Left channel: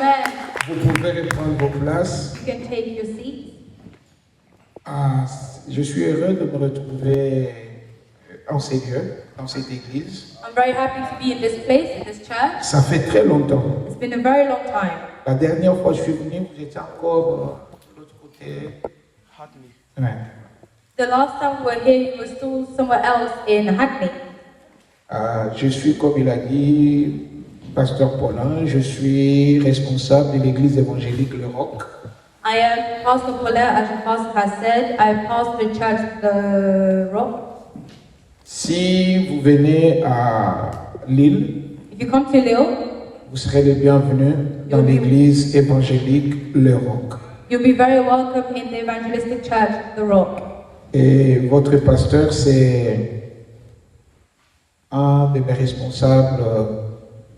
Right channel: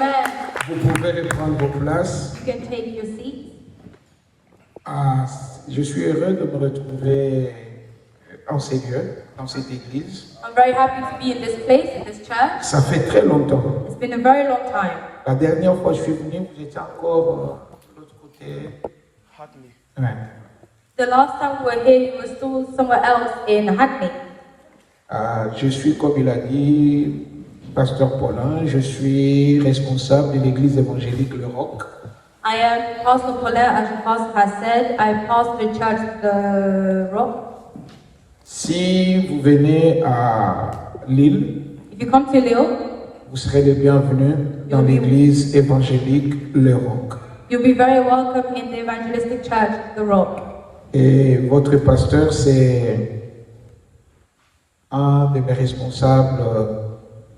Amen. Vous pouvez reprendre vos places. You can take your seat. Je suis heureux de me retrouver en ces lieux, dans cette église. I'm very happy to be in this place, in this church. Ça fait très longtemps. It's been a very long time. La dernière fois que je suis venu, vous étiez encore de l'autre côté. Ouais. The last time we were here, we were still somewhere else in Hackney. Je suis, comme il a dit, pasteur Paulin, je suis responsable de l'église évangélique Le Roc. I am Pastor Paulin, as the pastor has said. I pastor the church, The Rock. Si vous venez à Lille, If you come to Lille, vous serez les bienvenus dans l'église évangélique Le Roc. you'll be very welcome in the evangelistic church, The Rock. Et votre pasteur, c'est un de mes responsables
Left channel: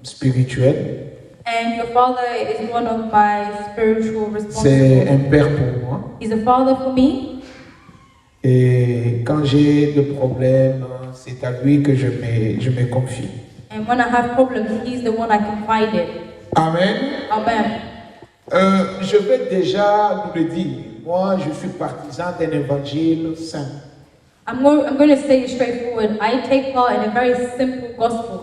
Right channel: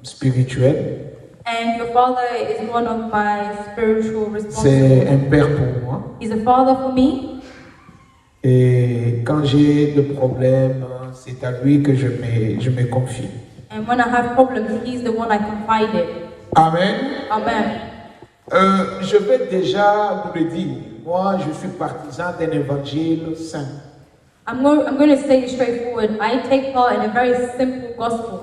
spirituels. And your father is one of my spiritual C'est un responsibilities. père pour moi. He's a father for me. Et quand j'ai des problèmes, c'est à lui que je me confie. And when I have problems, he's the one I confide in. Amen. Amen. Je vais déjà vous le dire. Moi, je suis partisan d'un évangile saint. I'm going to say straightforward. I take part in a very simple gospel.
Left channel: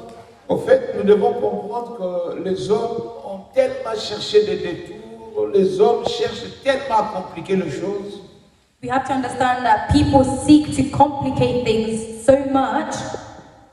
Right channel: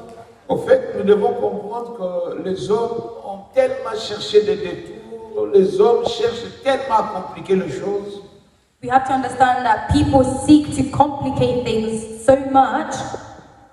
Au fait, nous devons comprendre que les hommes ont tellement cherché des détours, les hommes cherchent tellement à compliquer les choses. We have to understand that people seek to complicate things so much,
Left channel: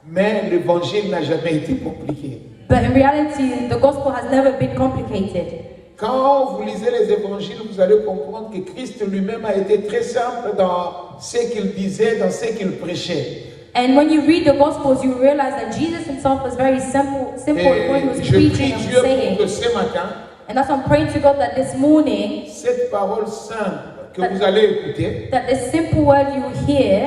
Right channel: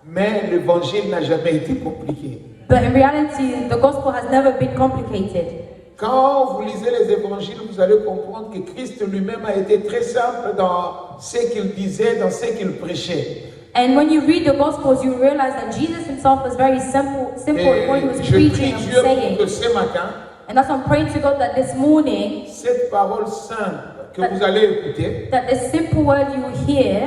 Mais l'évangile n'a jamais été compliqué. but in reality, the gospel has never been complicated. Quand vous lisez les évangiles, vous allez comprendre que Christ lui-même a été très simple dans ce qu'il disait, dans ce qu'il prêchait. And when you read the gospels, you realize that Jesus himself was very simple in what he was Et je prie preaching and Dieu pour saying. que ce matin, And that's why I'm praying to God that this morning, cette parole simple que vous allez écouter that the simple word you will hear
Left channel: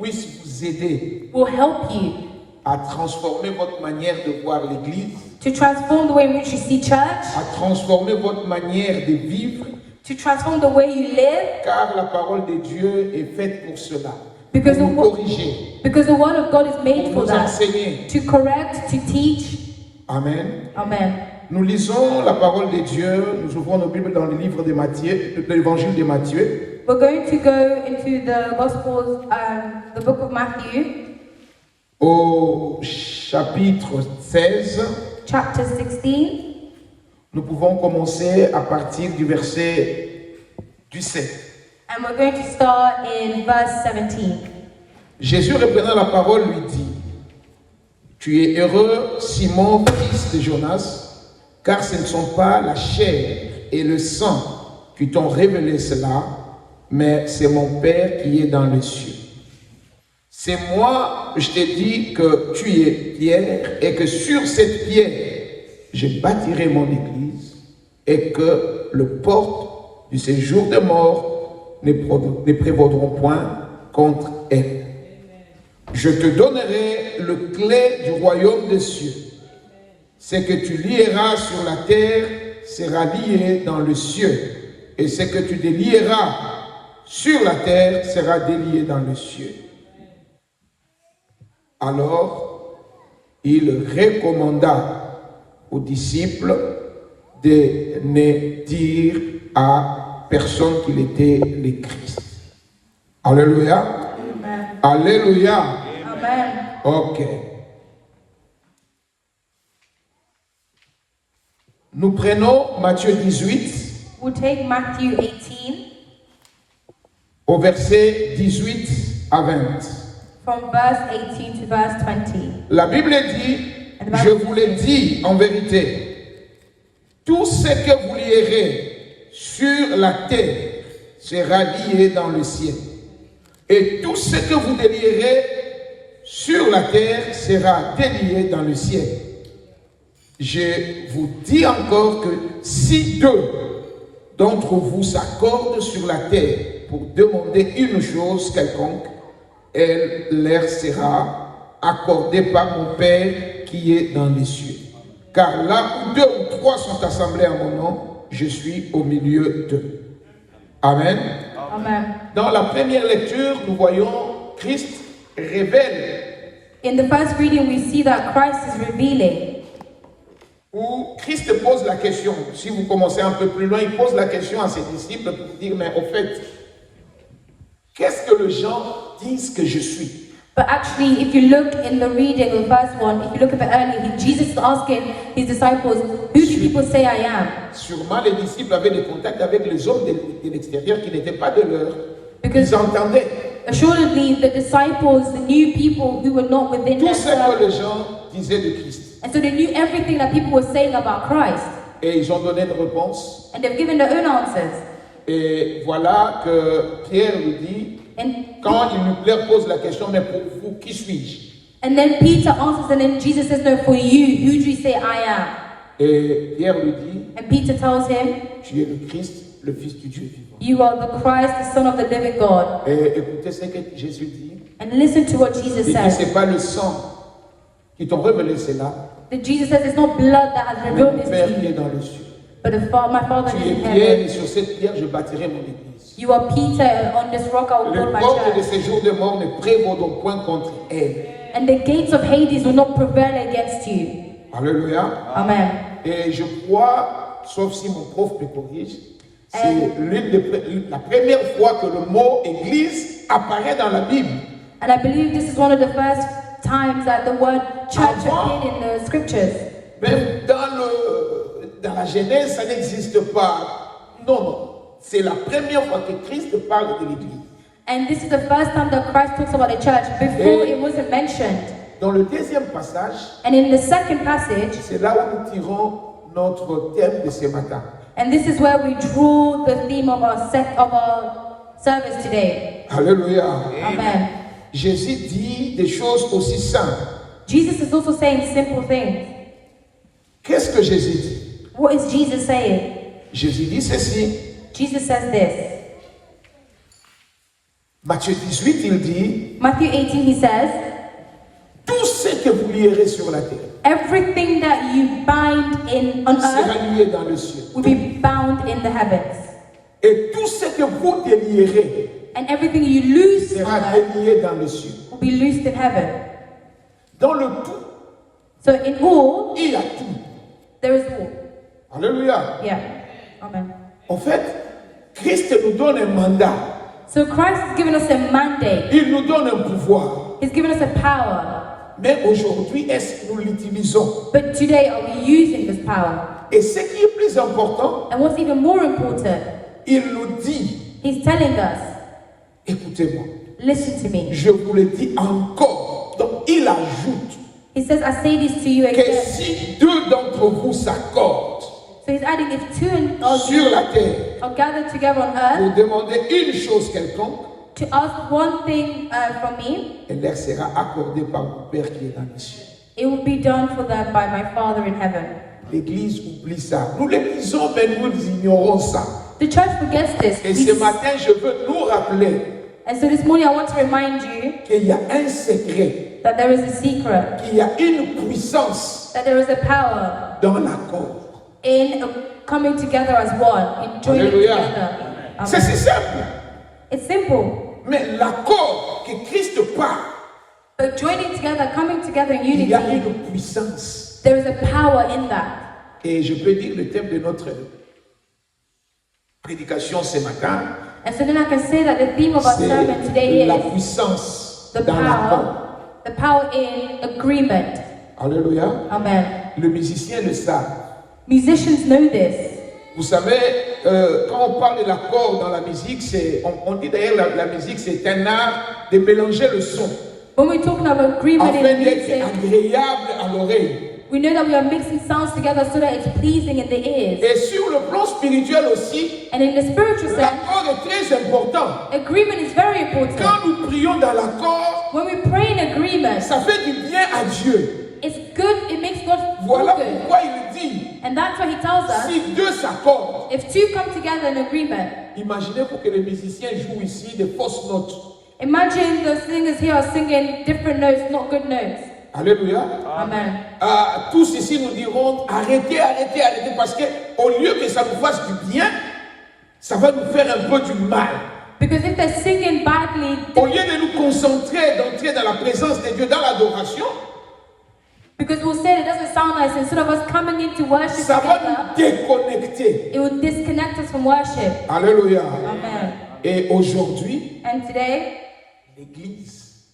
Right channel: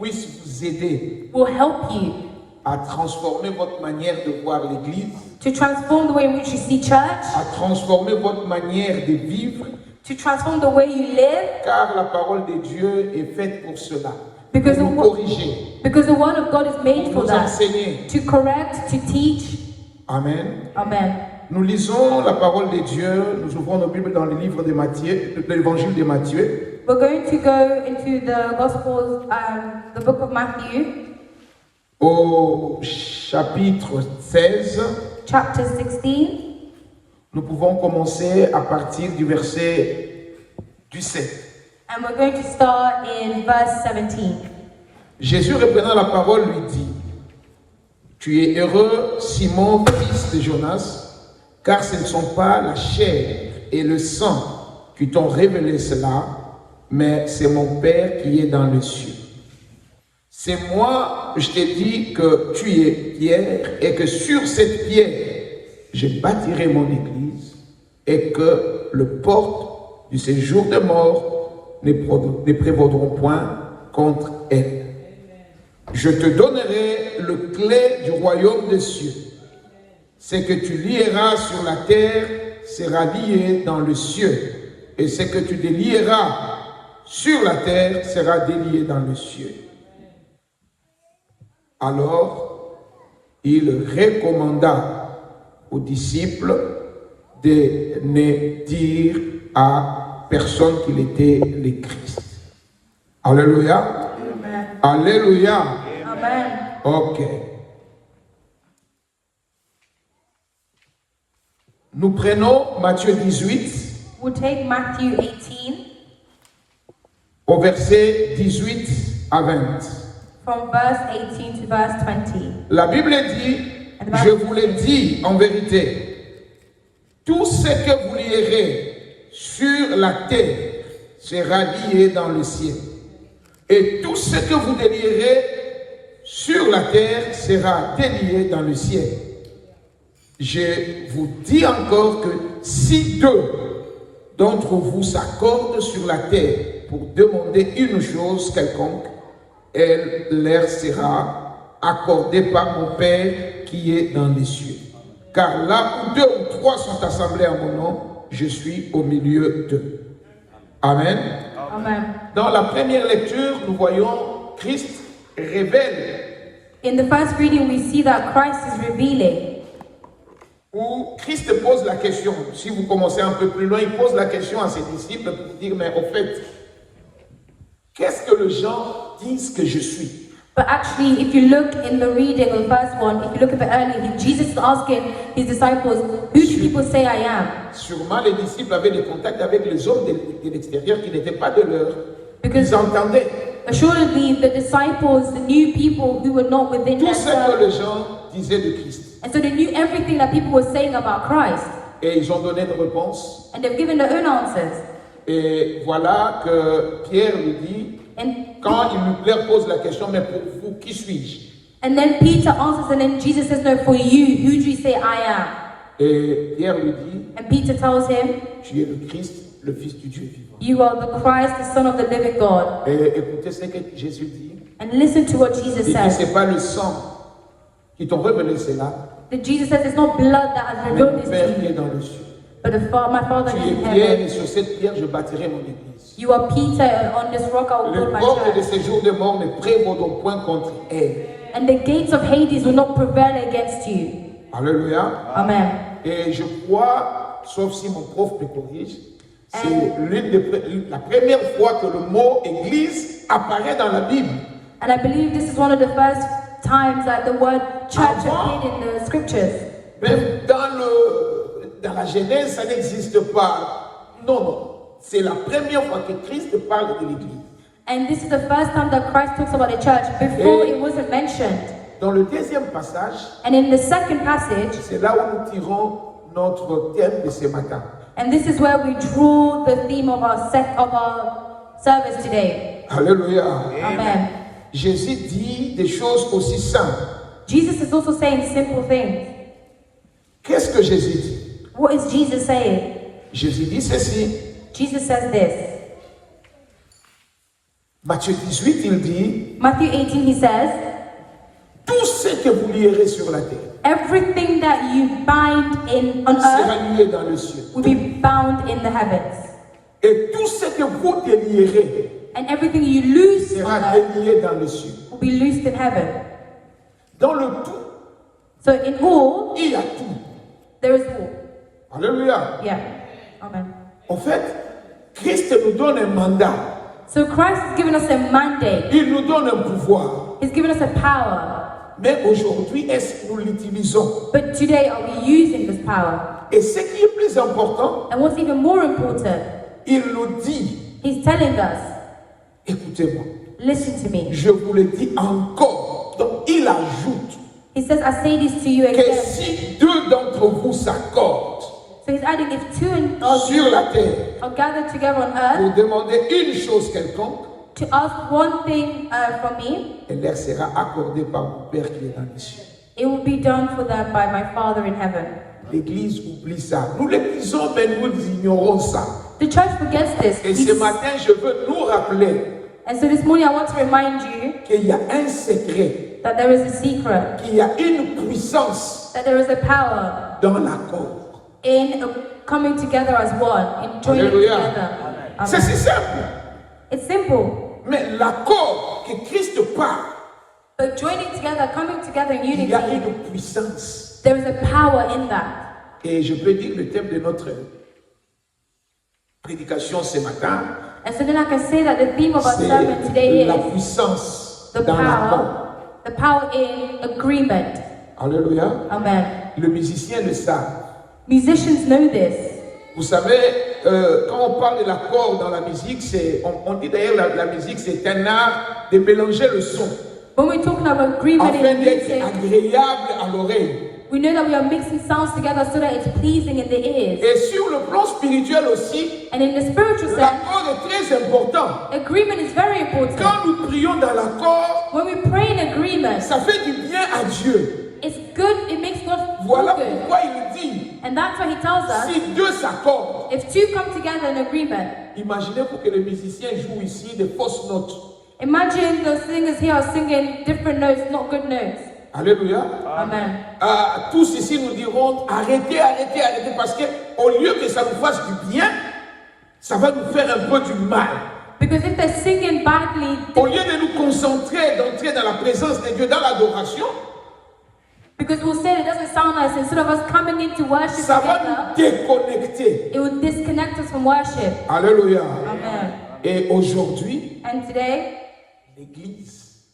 puisse vous aider will help you à transformer votre manière de voir l'Église, to transform the way in which you see church, à transformer votre manière de vivre, to transform the way you live, car la parole de Dieu est faite pour cela. Because Pour nous corriger, because the word of God is made pour for nous that, enseigner. to correct, to teach. Amen. Amen. Nous lisons la parole de Dieu, nous ouvrons nos Bibles dans le livre de Matthieu, de l'évangile de Matthieu. We're going to go into the Gospels, the book of Matthew, Au chapitre 16, chapter 16. nous pouvons commencer à partir du verset 17. And we're going to start in verse 17. Jésus reprenant la parole lui dit: Tu es heureux, Simon, fils de Jonas, car ce ne sont pas la chair et le sang qui t'ont révélé cela, mais c'est mon Père qui est dans les cieux. C'est moi, je t'ai dit que tu es pierre et que sur cette pierre, je bâtirai mon église et que le porte du séjour de mort ne prévaudront point contre elle. Je te donnerai le clé du royaume des cieux. Ce que tu lieras sur la terre sera lié dans le cieux, et ce que tu délieras sur la terre sera délié dans le cieux. Alors, il recommanda aux disciples de ne dire à personne qu'il était le Christ. Alléluia. Amen. Alléluia. Amen. Ok. Nous prenons Matthieu 18 We'll take Matthew 18 au verset 18 à 20. from verse 18 to verse 20. La Bible dit, je vous le dis en vérité, tout ce que vous lierez sur la terre sera lié dans le ciel. Et tout ce que vous délierez sur la terre sera délié dans le ciel. Je vous dis encore que si deux d'entre vous s'accordent sur la terre pour demander une chose quelconque, elle leur sera accordée par mon Père qui est dans les cieux. Car là où deux ou trois sont assemblés en mon nom, je suis au milieu d'eux. Amen. Amen. Dans la première lecture, nous voyons Christ révèle In the first reading, we see that Christ is revealing où Christ pose la question. Si vous commencez un peu plus loin, il pose la question à ses disciples pour dire, mais au fait, qu'est-ce que les gens disent que je suis? But actually, if you look in the reading of the first one, if you look a bit earlier, Jesus is asking his disciples, who do people say I am? Sûrement, les disciples avaient des contacts avec les hommes de l'extérieur qui n'étaient pas de leur. Because Ils entendaient assuredly the disciples, the new people who were not within tout ce que themselves, les gens disaient de Christ. and so they knew everything that people were saying about Christ, Et ils ont donné une réponse. and they've given their own answers. Et voilà que Pierre lui dit, And quand leur pose la question, mais pour vous, qui suis-je? and then Peter answers, and then Jesus says, no, for you, who do you say I am? Et Pierre lui dit, And Peter tells him, tu es le Christ, le Fils du Dieu vivant. you are the Christ, the Son of the living God. Et écoutez ce que Jésus dit. And listen to what Jesus Il dit, says. c'est pas le sang qui t'ont révélé cela, That Jesus says it's not blood that has mais le revealed this Père to qui est you, dans le ciel. but my Father Tu is in es Pierre, heaven. et sur cette pierre, je bâtirai mon église. You are Peter, and on this rock I will Les build my portes de church. ces jours de mort ne prévaudront point contre elle. And the gates of Hades will not prevail against you. Alléluia. Amen. Et je crois, sauf si mon prof me corrige, c'est la première fois que le mot église apparaît dans la Bible. And I believe this is one of the first times that the word church appeared in the scriptures. Mais dans la Genèse, ça n'existe pas. Non, non. C'est la première fois que Christ parle de l'église. And this is the first time that Christ talks about the church. Before it wasn't mentioned. Dans le deuxième passage, And in the second passage, c'est là où nous tirons notre thème de ce matin. and this is where we draw the theme of our service today. Alléluia. Amen. Jésus dit des choses aussi simples. Jesus is also saying simple things. Qu'est-ce que Jésus dit? What is Jesus saying? Jésus dit ceci. Jesus says this. Matthieu 18, il dit, Matthew 18, he says, tout ce que vous lierez sur la terre everything that you bind on sera earth lié dans le ciel. will be bound in the heavens. Et tout ce que vous délierez And everything you loose on sera earth délié dans le ciel. will be loosed in heaven. Dans le tout, So in all, il y a tout. there is all. Alléluia. Yeah. Amen. En fait, Christ nous donne un mandat. So Christ has given us a mandate. Il nous donne un pouvoir. He's given us a power. Mais aujourd'hui, est-ce que nous l'utilisons? But today, are we using this power? Et ce qui est plus important, And what's even more important, il nous dit, he's telling us, écoutez-moi, listen to me. je vous le dis encore. Donc il ajoute He says, I say this to you que again. si deux d'entre vous s'accordent So he's adding, if two of sur you la terre are gathered together on pour earth demander une chose quelconque, to ask one thing from me, elle leur sera accordée par mon Père qui est dans les cieux. it will be done for them by my Father in heaven. L'Église oublie ça. Nous l'élisons, mais nous ignorons ça. The church forgets this. Et ce matin, je veux nous rappeler And so this morning I want to remind you qu'il y a un secret, that there is a secret, qu'il y a une puissance that there is a power dans l'accord. in coming together as one, in joining Alléluia. together. C'est Amen. si simple. It's simple. Mais l'accord que Christ parle, But joining together, coming together in il y a unity, une puissance. there is a power in that. Et je peux dire le thème de notre prédication ce matin, And so then I can say that the theme of our sermon c'est today la is puissance the dans l'accord. power in agreement. Alléluia. Amen. Le musicien le sait. Musicians know this. Vous savez, quand on parle de l'accord dans la musique, on dit d'ailleurs la musique, c'est un art de mélanger le son When we're talking about agreement afin in d'être music, agréable à l'oreille. we know that we are mixing sounds together so that it's pleasing in the ears. Et sur le plan spirituel aussi, And in the spiritual sense, l'accord est très important. agreement is very important. Quand nous prions dans l'accord, When we pray in agreement, ça fait du bien à Dieu. it's good, it makes God Voilà feel good. pourquoi il dit, And that's why he tells us, si deux s'accordent, if two come together in agreement, imaginez-vous que les musiciens jouent ici des fausses notes. imagine the singers here are singing different notes, not good notes. Alléluia. Amen. Tous ici nous diront arrêtez, arrêtez, arrêtez, parce que au lieu que ça nous fasse du bien, ça va nous faire un peu du mal. Because if they're singing badly, Au lieu de nous concentrer, d'entrer dans la présence de Dieu, dans l'adoration, Because we'll say it doesn't sound nice. Instead of us coming into worship Ça va together, nous déconnecter. it will disconnect us from worship. Alléluia. Amen. Et aujourd'hui, And today, l'Église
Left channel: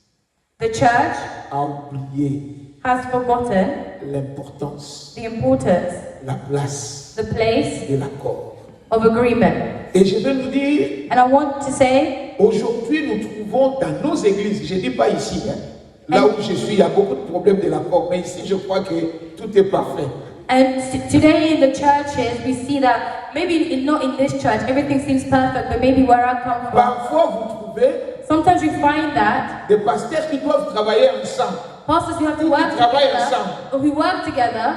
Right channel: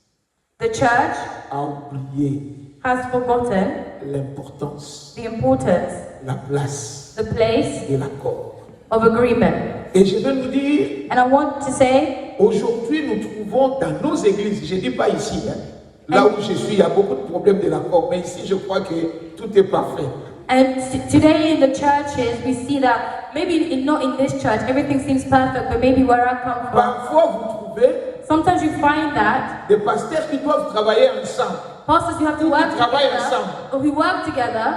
the church a oublié has forgotten l'importance, the importance, la place the place de l'accord. of agreement. Et je vais nous dire, And I want to say, aujourd'hui, nous trouvons dans nos églises, je ne dis pas ici, hein, là où je suis, il y a beaucoup de problèmes de l'accord, mais ici, je crois que tout est parfait. and today in the churches, we see that maybe not in this church, everything seems perfect, but maybe where I come from, Parfois, vous trouvez sometimes you find that des pasteurs qui doivent travailler ensemble, pastors who have to work travaillent together, ensemble. or who work together,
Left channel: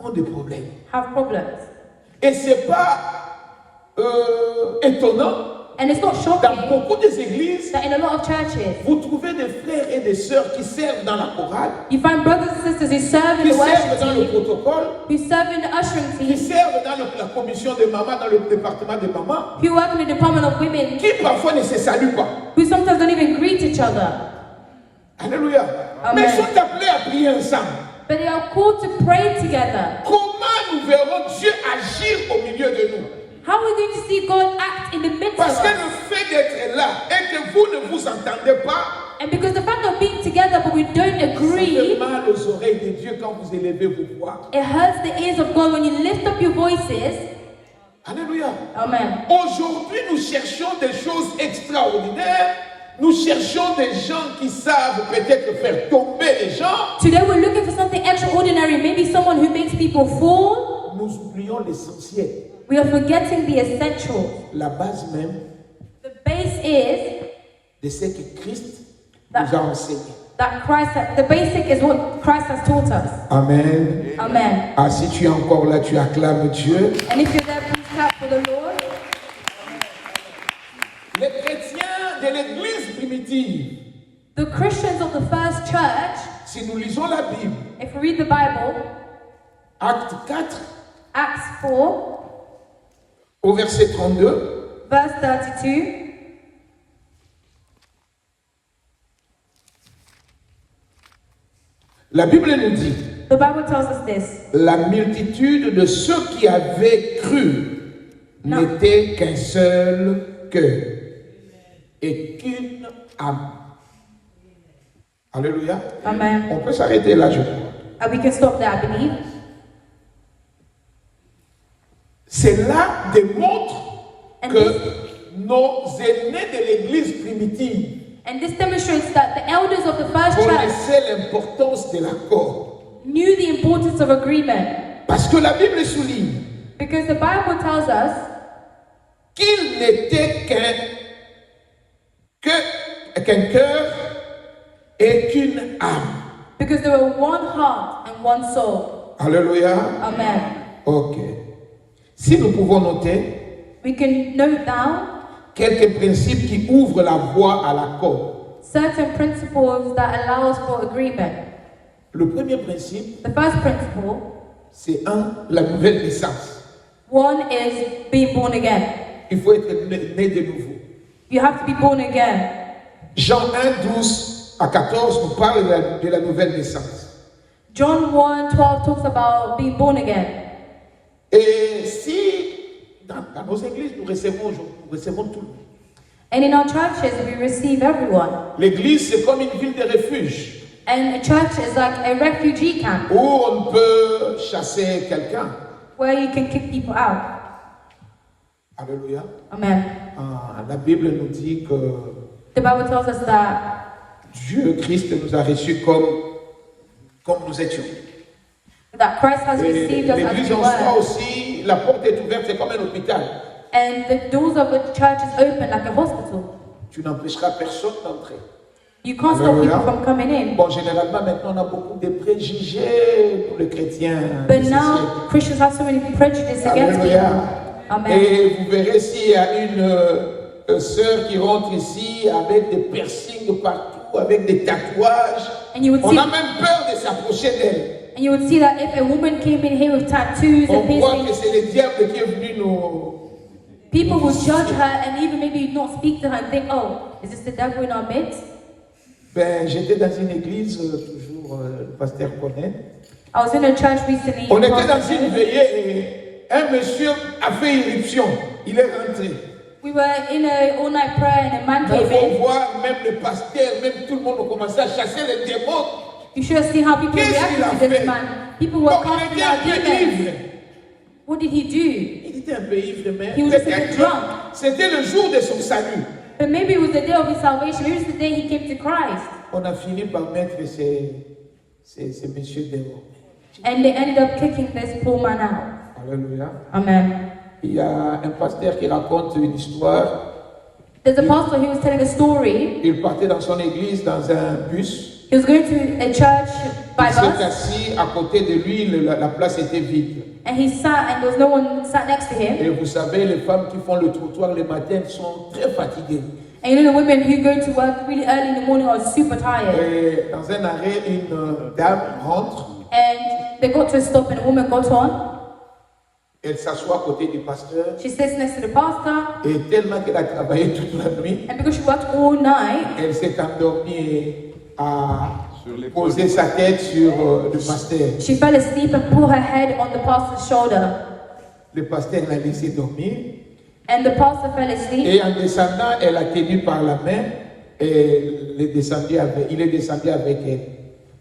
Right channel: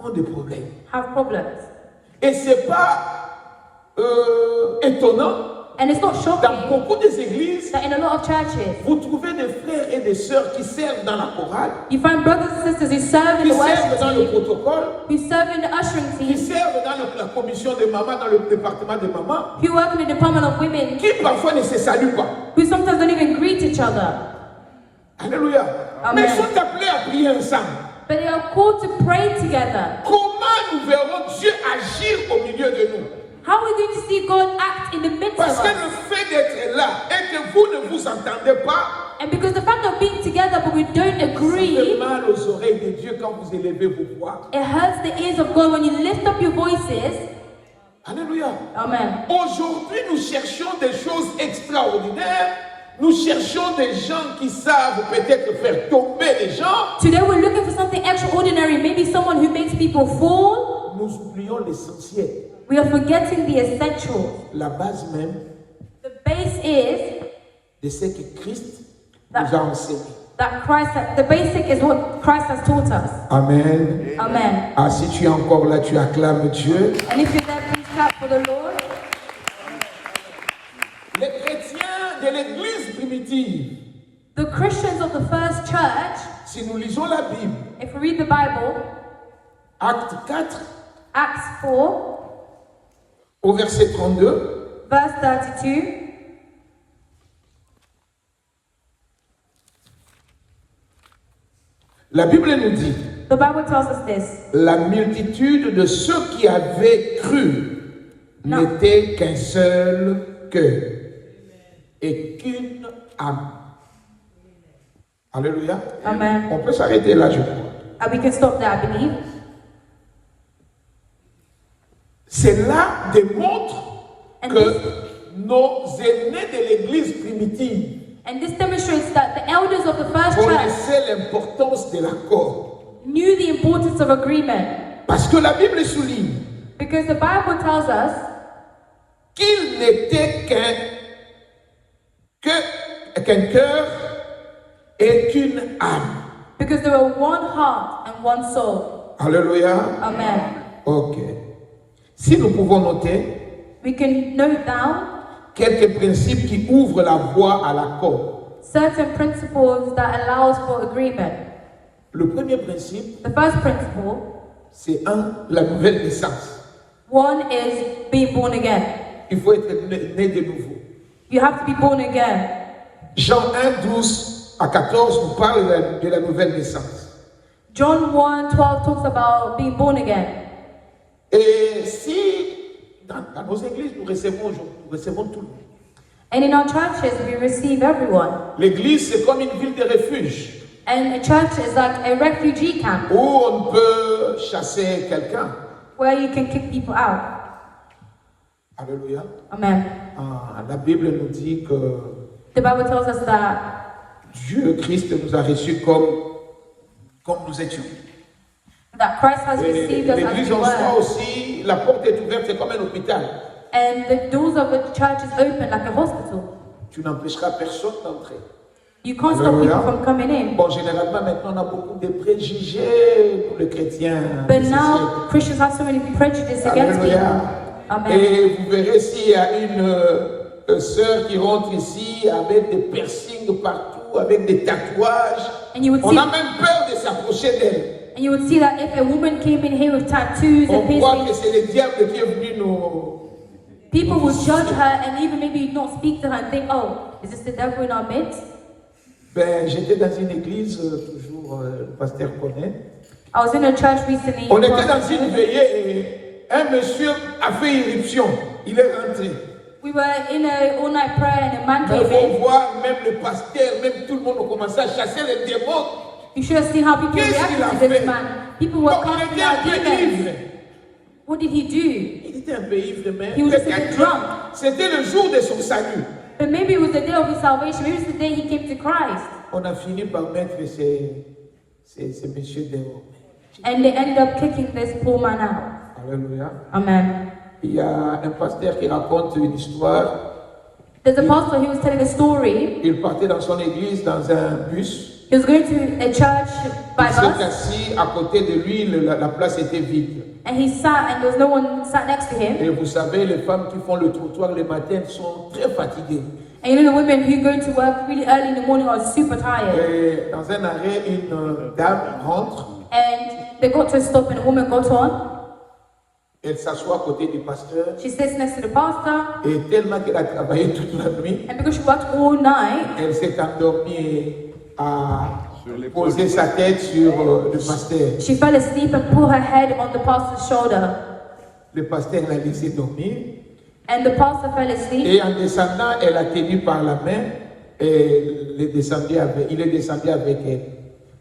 ont des problèmes. have problems. Et ce n'est pas étonnant, And it's not dans shocking beaucoup des églises, that in a lot of churches, vous trouvez des frères et des sœurs qui servent dans la chorale, you find brothers and sisters who serve in qui the servent worship dans le team, protocole, who serve in the ushering qui team, servent dans la commission de maman, dans le département de maman, who work in the department of women, qui parfois ne se saluent pas. who sometimes don't even greet each other. Alléluia. Amen. Mais sont appelés à prier ensemble. But they are called to pray together. Comment nous verrons Dieu agir au milieu de nous? How are we going to see God act in the midst of Parce que us? le fait d'être là et que vous ne vous entendez pas, And because the fact of being together but we don't ça agree, fait mal aux oreilles de Dieu quand vous élevez vos voix. it hurts the ears of God when you lift up your voices. Alléluia. Amen. Aujourd'hui, nous cherchons des choses extraordinaires. Nous cherchons des gens qui savent peut-être faire tomber les gens. Today we're looking for something extraordinary, maybe someone who makes people fall. Nous oublions l'essentiel. We are forgetting the essential. La base même The base is de ce que Christ nous a enseigné. that the basic is what Christ has taught us. Amen. Amen. Ah, si tu es encore là, tu acclames Dieu. And if you're there, please clap for the Lord. Les chrétiens de l'église primitive, The Christians of the first church, si nous lisons la Bible, if we read the Bible, Acte 4, Acts 4, au verset 32, verse 32, la Bible nous dit, the Bible tells us this. la multitude de ceux qui avaient cru Non. n'était qu'un seul cœur et qu'une âme. Alléluia. Amen. On peut s'arrêter là, je crois. And we can stop there, I believe. Cela démontre And que nos aînés de l'église primitive And this demonstrates that the elders of the first church connaissaient l'importance de l'accord. knew the importance of agreement. Parce que la Bible souligne Because the Bible tells us qu'il n'était qu'un cœur et qu'une âme. because there were one heart and one soul. Alléluia. Amen. Ok. Si nous pouvons noter We can note down quelques principes qui ouvrent la voie à l'accord. certain principles that allows for agreement. Le premier principe, The first principle, c'est la nouvelle naissance. one is being born again. Il faut être né de nouveau. You have to be born again. Jean 1, 12 à 14 nous parle de la nouvelle naissance. John 1:12 talks about being born again. Et si dans nos églises nous recevons tout le monde. And in our churches, we receive everyone. L'église, c'est comme une ville de refuge And a church is like a refugee camp où on peut chasser quelqu'un. where you can kick people out. Alléluia. Amen. Ah, la Bible nous dit que The Bible tells us that Dieu, Christ, nous a reçus comme nous étions. Christ has Et received us as l'église we en soi were. aussi, la porte est ouverte, c'est comme un hôpital. And the doors of the church is open like a hospital. Tu n'empêcheras personne d'entrer. You can't stop people from coming in. Bon, généralement, maintenant, on a beaucoup de préjugés pour les chrétiens. But now Christians have so many prejudices against people. Amen. Et vous verrez s'il y a une sœur qui rentre ici avec des piercings partout, avec des tatouages. And you would On see, a même peur de s'approcher d'elle. and you would see that if a woman came in here with tattoos On and croit que piercings, c'est le diable qui est venu nous... people would judge her and even maybe not speak to her and think, oh, is this the devil in our midst? Ben, j'étais dans une église toujours jour, le pasteur connaît. I was in a church recently. On était dans une veillée et un monsieur a fait irruption. Il est rentré. We were in a all-night prayer and a man On came peut in. voir même le pasteur, même tout le monde a commencé à chasser les démons. You should have seen how people Qu'est-ce qu'il reacted a to this fait? man. People were Bon, il casting était un out peu demons. ivre. What did he do? Il était un peu ivre, mais He was just a bit peut-être drunk. c'était le jour de son salut. But maybe it was the day of his salvation. Maybe it's the day he came to Christ. On a fini par mettre ces messieurs dehors. And they ended up kicking this poor man out. Alléluia. Amen. Il y a un pasteur qui raconte une histoire. There's a pastor who was telling a story. Il partait dans son église dans un bus. He was going to a church by Il s'est bus. assis à côté de lui, la place était vide. And he sat and there was no one sat next to him. Et vous savez, les femmes qui font le trottoir le matin sont très fatiguées. And you know the women who go to work really early in the morning are super tired. Et dans un arrêt, une dame rentre. And they got to a stop and a woman got on. Elle s'assoit à côté du pasteur. She sits next to the pastor. Et tellement qu'elle a travaillé toute la nuit, And because she worked all night, elle s'est endormie à poser sa tête sur le pasteur. she fell asleep and put her head on the pastor's shoulder. Le pasteur l'a laissé dormir. And the pastor fell asleep. Et en descendant, elle a tenu par la main et il est descendu avec elle.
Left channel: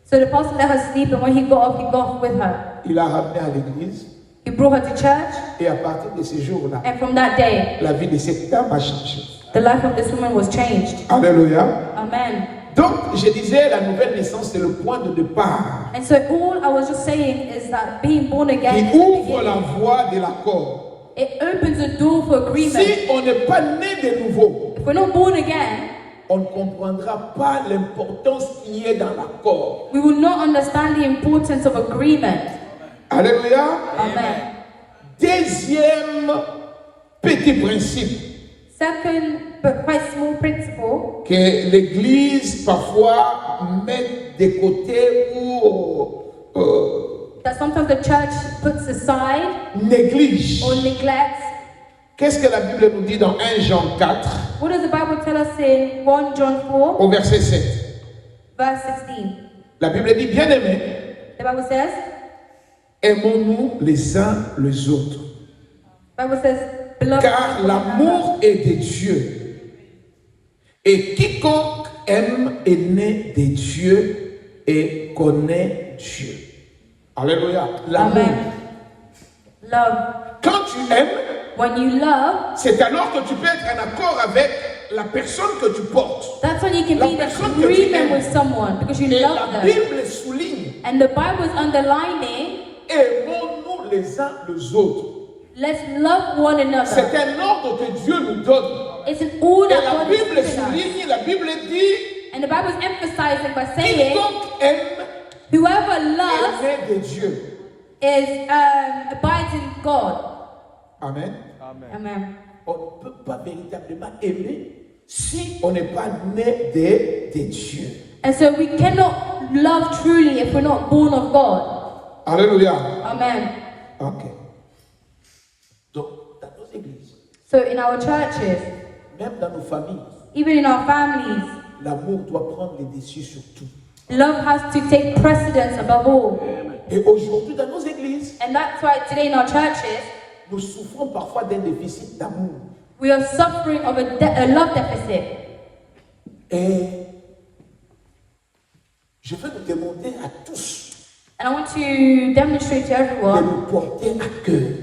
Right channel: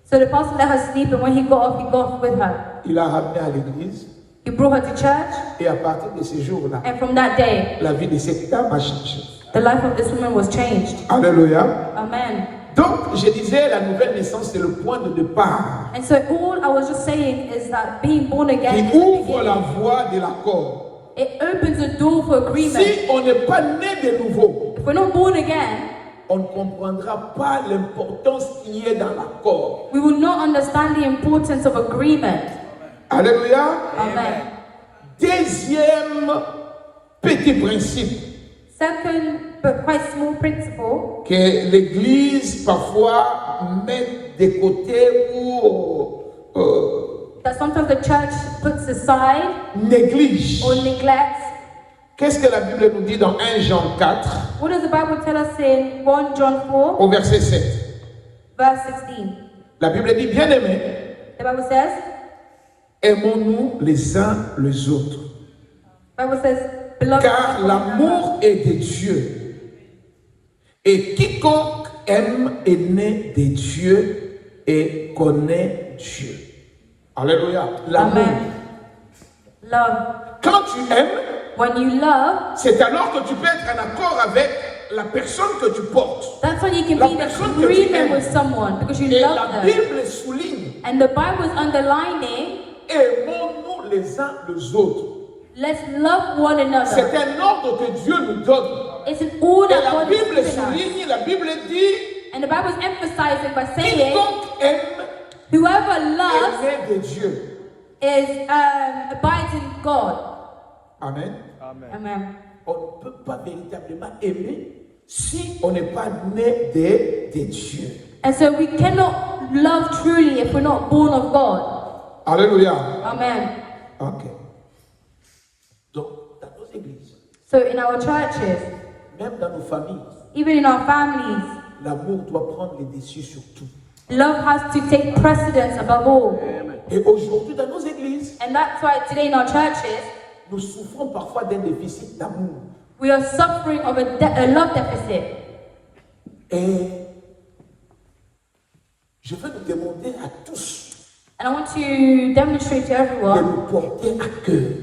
So the pastor let her sleep, and when he got off with her. Il l'a ramenée à l'église He brought her to church, et à partir de ce jour-là, and from that day, la vie de cette dame a changé. the life of this woman was changed. Alléluia. Amen. Donc, je disais, la nouvelle naissance, c'est le point de départ And so all I was just saying is that being born again qui is the ouvre la beginning. voie de l'accord. It opens the door for agreement. Si on n'est pas né de nouveau, If we're not born again, on ne comprendra pas l'importance qu'il y a dans l'accord. we will not understand the importance of agreement. Alléluia. Amen. Deuxième petit principe Second, but quite small principle, que l'Église parfois met de côté ou that sometimes the church puts aside néglige. or neglects. Qu'est-ce que la Bible nous dit dans 1 Jean 4 What does the Bible tell us in 1 John 4, au verset 7? verse 16? La Bible dit, bien-aimés, The Bible says, aimons-nous les uns les autres, beloved, car l'amour est de Dieu. Et quiconque aime est né de Dieu et connaît Dieu. Alléluia. L'amour. Amen. Love. Quand tu aimes, When you love, c'est alors que tu peux être en accord avec la personne que tu portes. that's when you can La be in personne que tu agreement aimes. with someone because you Et love la them. Bible souligne, And the Bible is underlining, aimons-nous les uns les autres. let's love one another. C'est un ordre que Dieu nous donne. It's an order Et la God has Bible given us. souligne, la Bible dit, And the Bible is emphasizing by saying, quiconque aime whoever est loves né de Dieu. is abides in God. Amen. Amen. On ne peut pas véritablement aimer si on n'est pas né de Dieu. And so we cannot love truly if we're not born of God. Alléluia. Amen. Ok. Donc, dans nos églises, So in our churches, même dans nos familles, even in our families, l'amour doit prendre le dessus sur tout. love has to take precedence above all. Et aujourd'hui, dans nos églises, And that's why today in our churches, nous souffrons parfois d'un déficit d'amour. we are suffering of a love deficit. Et je veux nous demander à tous And I want to demonstrate to de everyone, nous porter à cœur,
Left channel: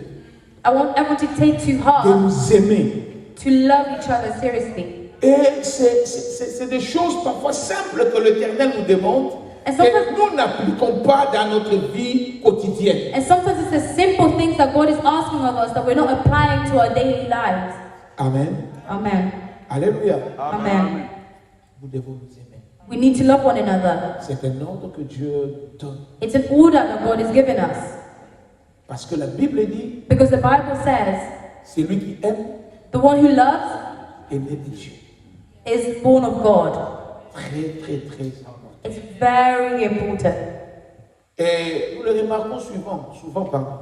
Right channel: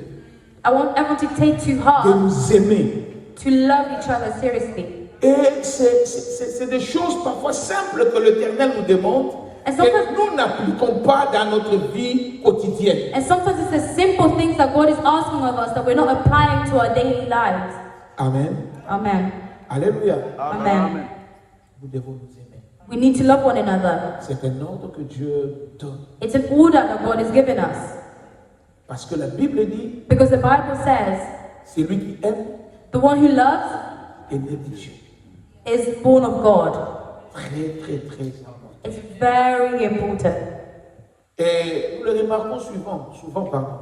I want everyone to take to de heart, nous aimer. to love each other seriously. Et c'est des choses parfois simples que l'Éternel nous demande Et que sometimes- nous n'appliquons pas dans notre vie quotidienne. And sometimes it's the simple things that God is asking of us that we're not applying to our daily lives. Amen. Amen. Alléluia. Amen. Nous devons nous aimer. We need to love one another. C'est un ordre que Dieu donne. It's an order that God has given us. Parce que la Bible dit, Because the Bible says, celui qui aime the one who loves est né de Dieu. is born of God. Très, très, très important. It's very important. Et nous le remarquons souvent, pardon.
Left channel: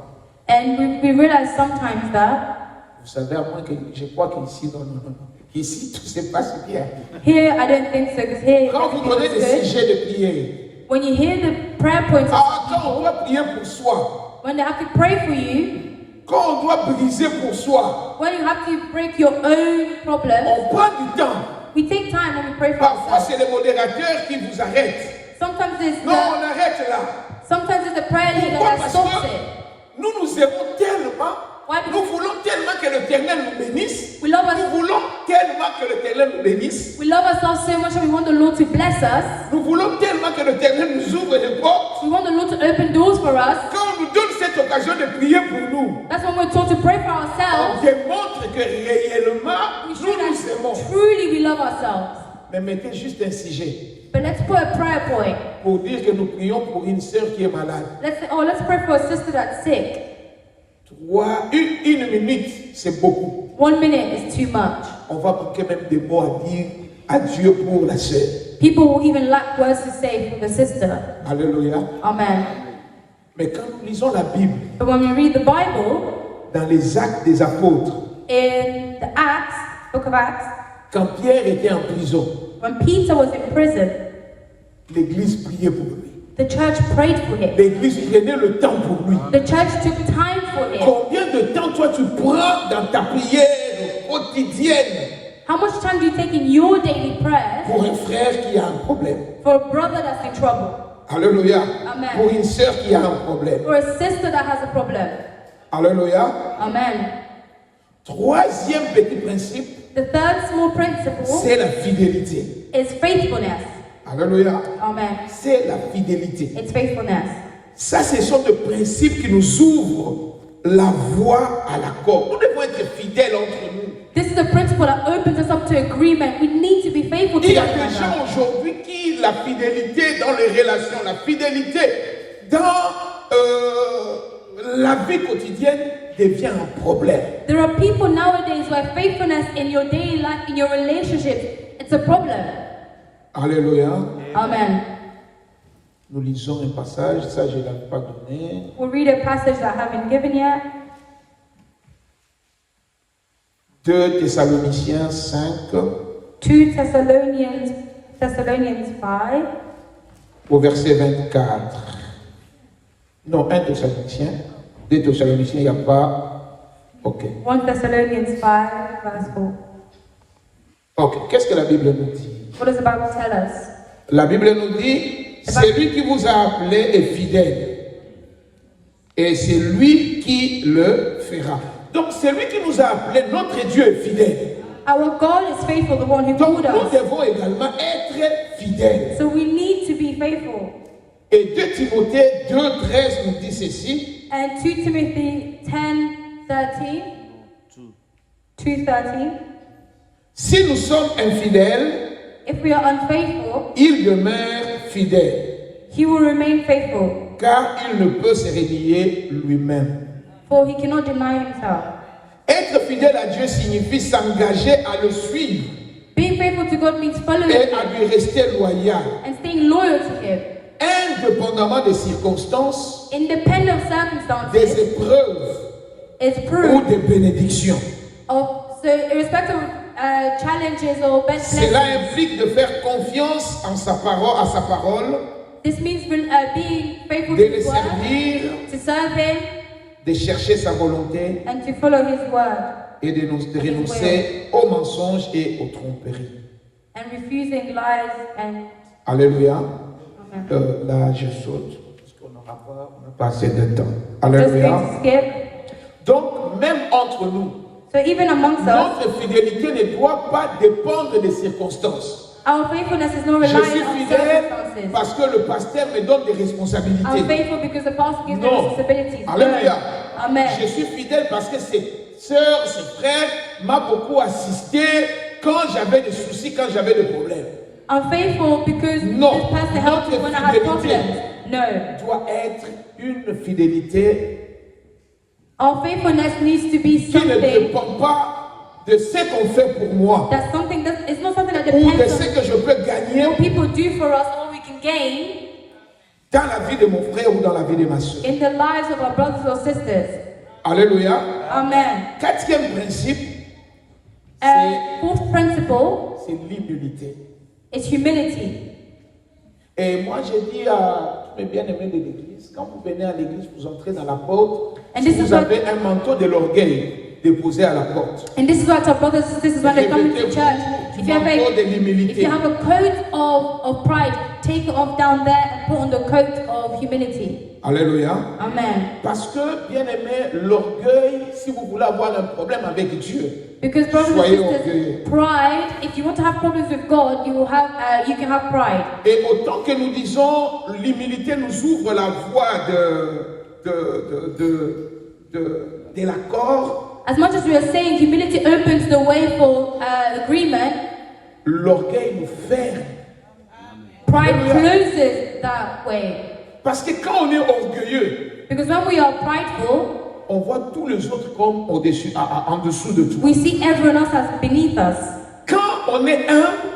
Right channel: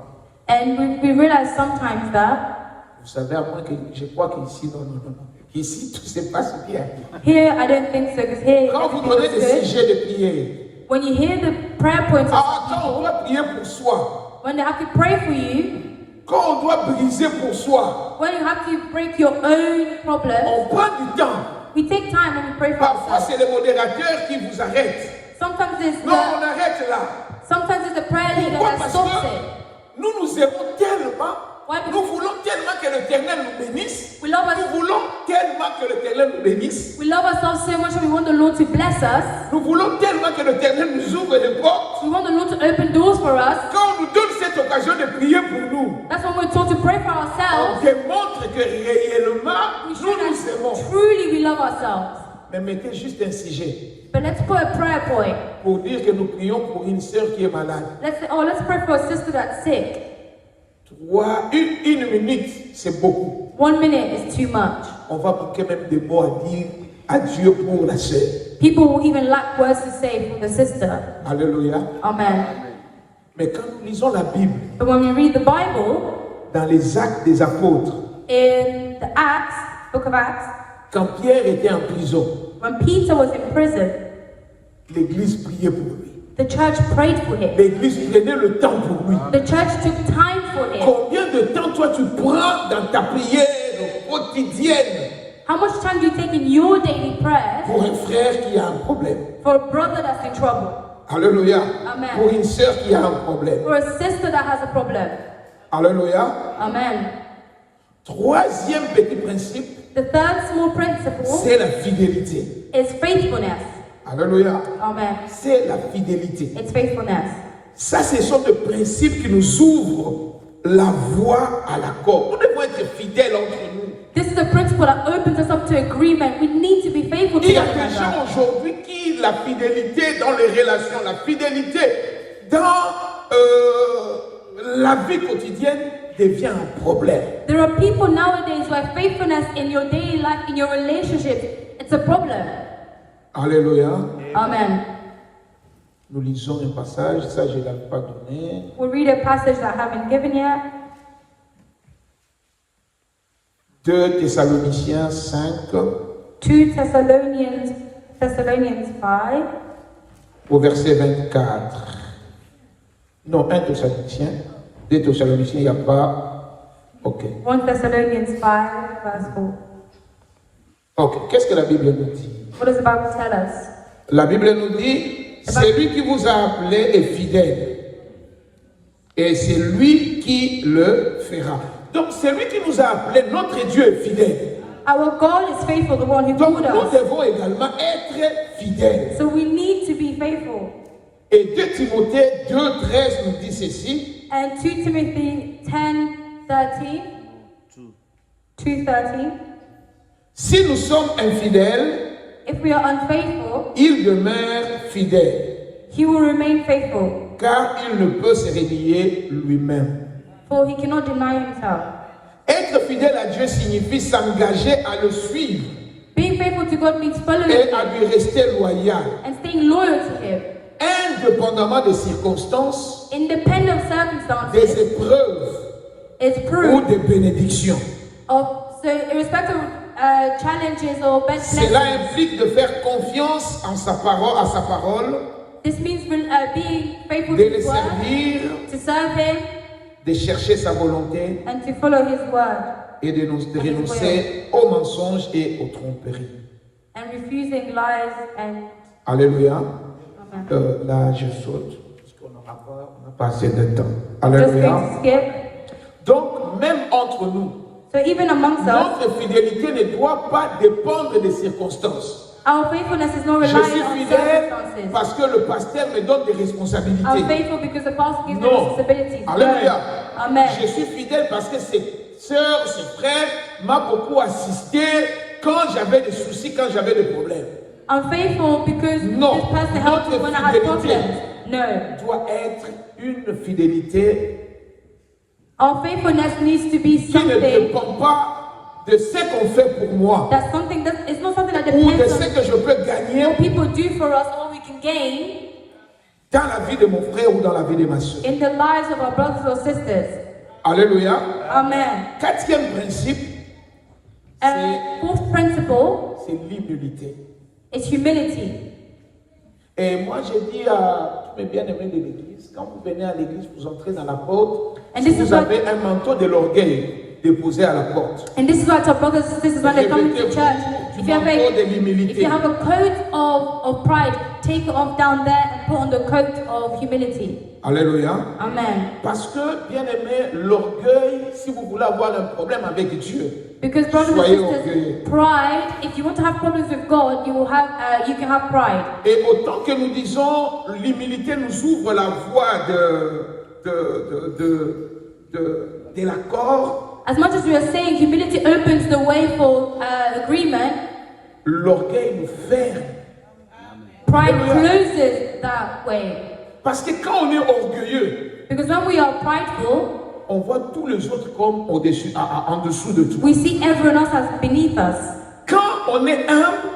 And we realize sometimes that Vous savez, à moins que je crois qu'ici, non. Ici, tout se passe bien. here, I don't think so, because here, Quand vous everything donnez is des good. sujets de prière, When you hear the prayer points of Ah, quand on people, doit prier pour soi, when they have to pray for you, quand on doit briser pour soi, when you have to break your own problems, on prend du temps. we take time and we pray for Parfois, ourselves. c'est les modérateurs qui vous arrêtent. Sometimes it's Non, the, on arrête là. sometimes it's the prayer leader Pourquoi? that Parce stops que it. nous nous aimons tellement, Why? nous voulons tellement que l'Éternel nous bénisse, We love nous us. voulons tellement que l'Éternel nous bénisse, We love ourselves so much and we want the Lord to bless us. nous voulons tellement que l'Éternel nous ouvre les portes. We want the Lord to open doors for us. Quand on nous donne cette occasion de prier pour nous, That's when we're told to pray for on ourselves. démontre que réellement, We nous show nous that aimons. truly we love ourselves. Mais mettez juste un sujet But let's put a prayer point. pour dire que nous prions pour une sœur qui est malade. Let's say, oh, let's pray for a sister that's sick. Une minute, c'est beaucoup. 1 minute is too much. On va manquer même des mots à dire à Dieu pour la sœur. People will even lack words to say for the sister. Alléluia. Amen. Mais quand nous lisons la Bible, But when we read the Bible, dans les Actes des Apôtres, in the Acts, book of Acts, quand Pierre était en prison, when Peter was in prison, l'Église priait pour lui. the church prayed for him. L'Église prenait le temps pour lui. The church took time for him. Combien de temps toi tu prends dans ta prière quotidienne How much time do you take in your daily prayer pour un frère qui a un problème? for a brother that's in trouble? Alléluia. Amen. Pour une sœur qui a un problème. Or a sister that has a problem? Alléluia. Amen. Troisième petit principe, The third small principle c'est la fidélité. is faithfulness. Alléluia. Amen. C'est la fidélité. It's faithfulness. Ça, ce sont des principes qui nous ouvrent la voie à l'accord. Nous devons être fidèles entre nous. This is the principle that opens us up to agreement. We need to be faithful to Il y a one des gens another. aujourd'hui qui, la fidélité dans les relations, la fidélité dans la vie quotidienne devient un problème. There are people nowadays where faithfulness in your daily life, in your relationship, it's a problem. Alléluia. Amen. Nous lisons un passage, ça je ne l'ai pas donné. We'll read a passage that I haven't given yet. 2 Thessaloniciens 5, 2 Thessalonians 5, au verset 24. Non, 1 Thessaloniciens. 2 Thessaloniciens, il n'y a pas. Ok. 1 Thessalonians 5, verse 4. Ok. Qu'est-ce que la Bible nous dit? What does the Bible tell us? La Bible nous dit, celui qui vous a appelé est fidèle. Et c'est lui qui le fera. Donc, celui qui nous a appelé, notre Dieu est fidèle. Our God is faithful, the one who Donc, called nous us. devons également être fidèles. So we need to be faithful. Et 2 Timothée 2,13 nous dit ceci. And 2 Timothy 10:13. 2:13. Si nous sommes infidèles, If we are unfaithful, il demeure fidèle, he will remain faithful, car il ne peut se renier lui-même. for he cannot deny himself. Être fidèle à Dieu signifie s'engager à le suivre Being faithful to God means following et à him lui rester loyal, and staying loyal to him, indépendamment des circonstances, independent of des circumstances. épreuves It's ou proof des bénédictions. of, so irrespective of challenges or bad Cela blessings. implique de faire confiance en sa parole, à sa parole, This means being faithful de to le his word, servir, to serve him, de chercher sa volonté and to follow his word, et de renoncer aux mensonges et aux tromperies. and refusing lies and Alléluia. Là, je saute, parce qu'on n'a pas assez de temps. just Alléluia. going to skip. Donc, même entre nous, So even amongst us, notre fidélité ne doit pas dépendre des circonstances. our faithfulness is not Je relying suis on fidèle circumstances. parce que le pasteur me donne des I'm responsabilités. faithful because the pastor gives me Non. responsibilities. Alléluia. Amen. Je suis fidèle parce que ses sœurs, ses frères m'ont beaucoup assisté quand j'avais des soucis, quand j'avais des problèmes. I'm faithful because Non. this person helped me when I had problems. No. Doit être une fidélité Our faithfulness needs to be qui ne something dépend pas de ce qu'on fait pour moi that's something that it's not something that ou de depends ce que je peux on gagner what people do for us or we can gain dans la vie de mon frère ou dans la vie de ma soeur. in the lives of our brothers or sisters. Alléluia. Amen. Quatrième principe, And fourth principle c'est l'humilité. is humility. Et moi, j'ai dit à mes bien-aimés de l'église, quand vous venez à l'église, vous entrez dans la porte, And this vous is what- avez un manteau de l'orgueil déposé à la porte. And this is what our brothers and sisters, when they come to church, if you have Manteau de a, if l'humilité. you have a coat of pride, take it off down there and put on the coat of humility. Alléluia. Amen. Parce que, bien-aimé, l'orgueil, si vous voulez avoir un problème avec Dieu, Because brothers and Soyez sisters, orgueilleux. pride, if you want to have problems with God, you can have pride. et autant que nous disons, l'humilité nous ouvre la voie de l'accord, As much as we are saying humility opens the way for agreement, l'orgueil nous ferme. pride closes that way. Parce que quand on est orgueilleux, Because when we are prideful, on voit tous les autres comme au-dessus, en dessous de tout. we see everyone else as beneath us. Quand on est humble,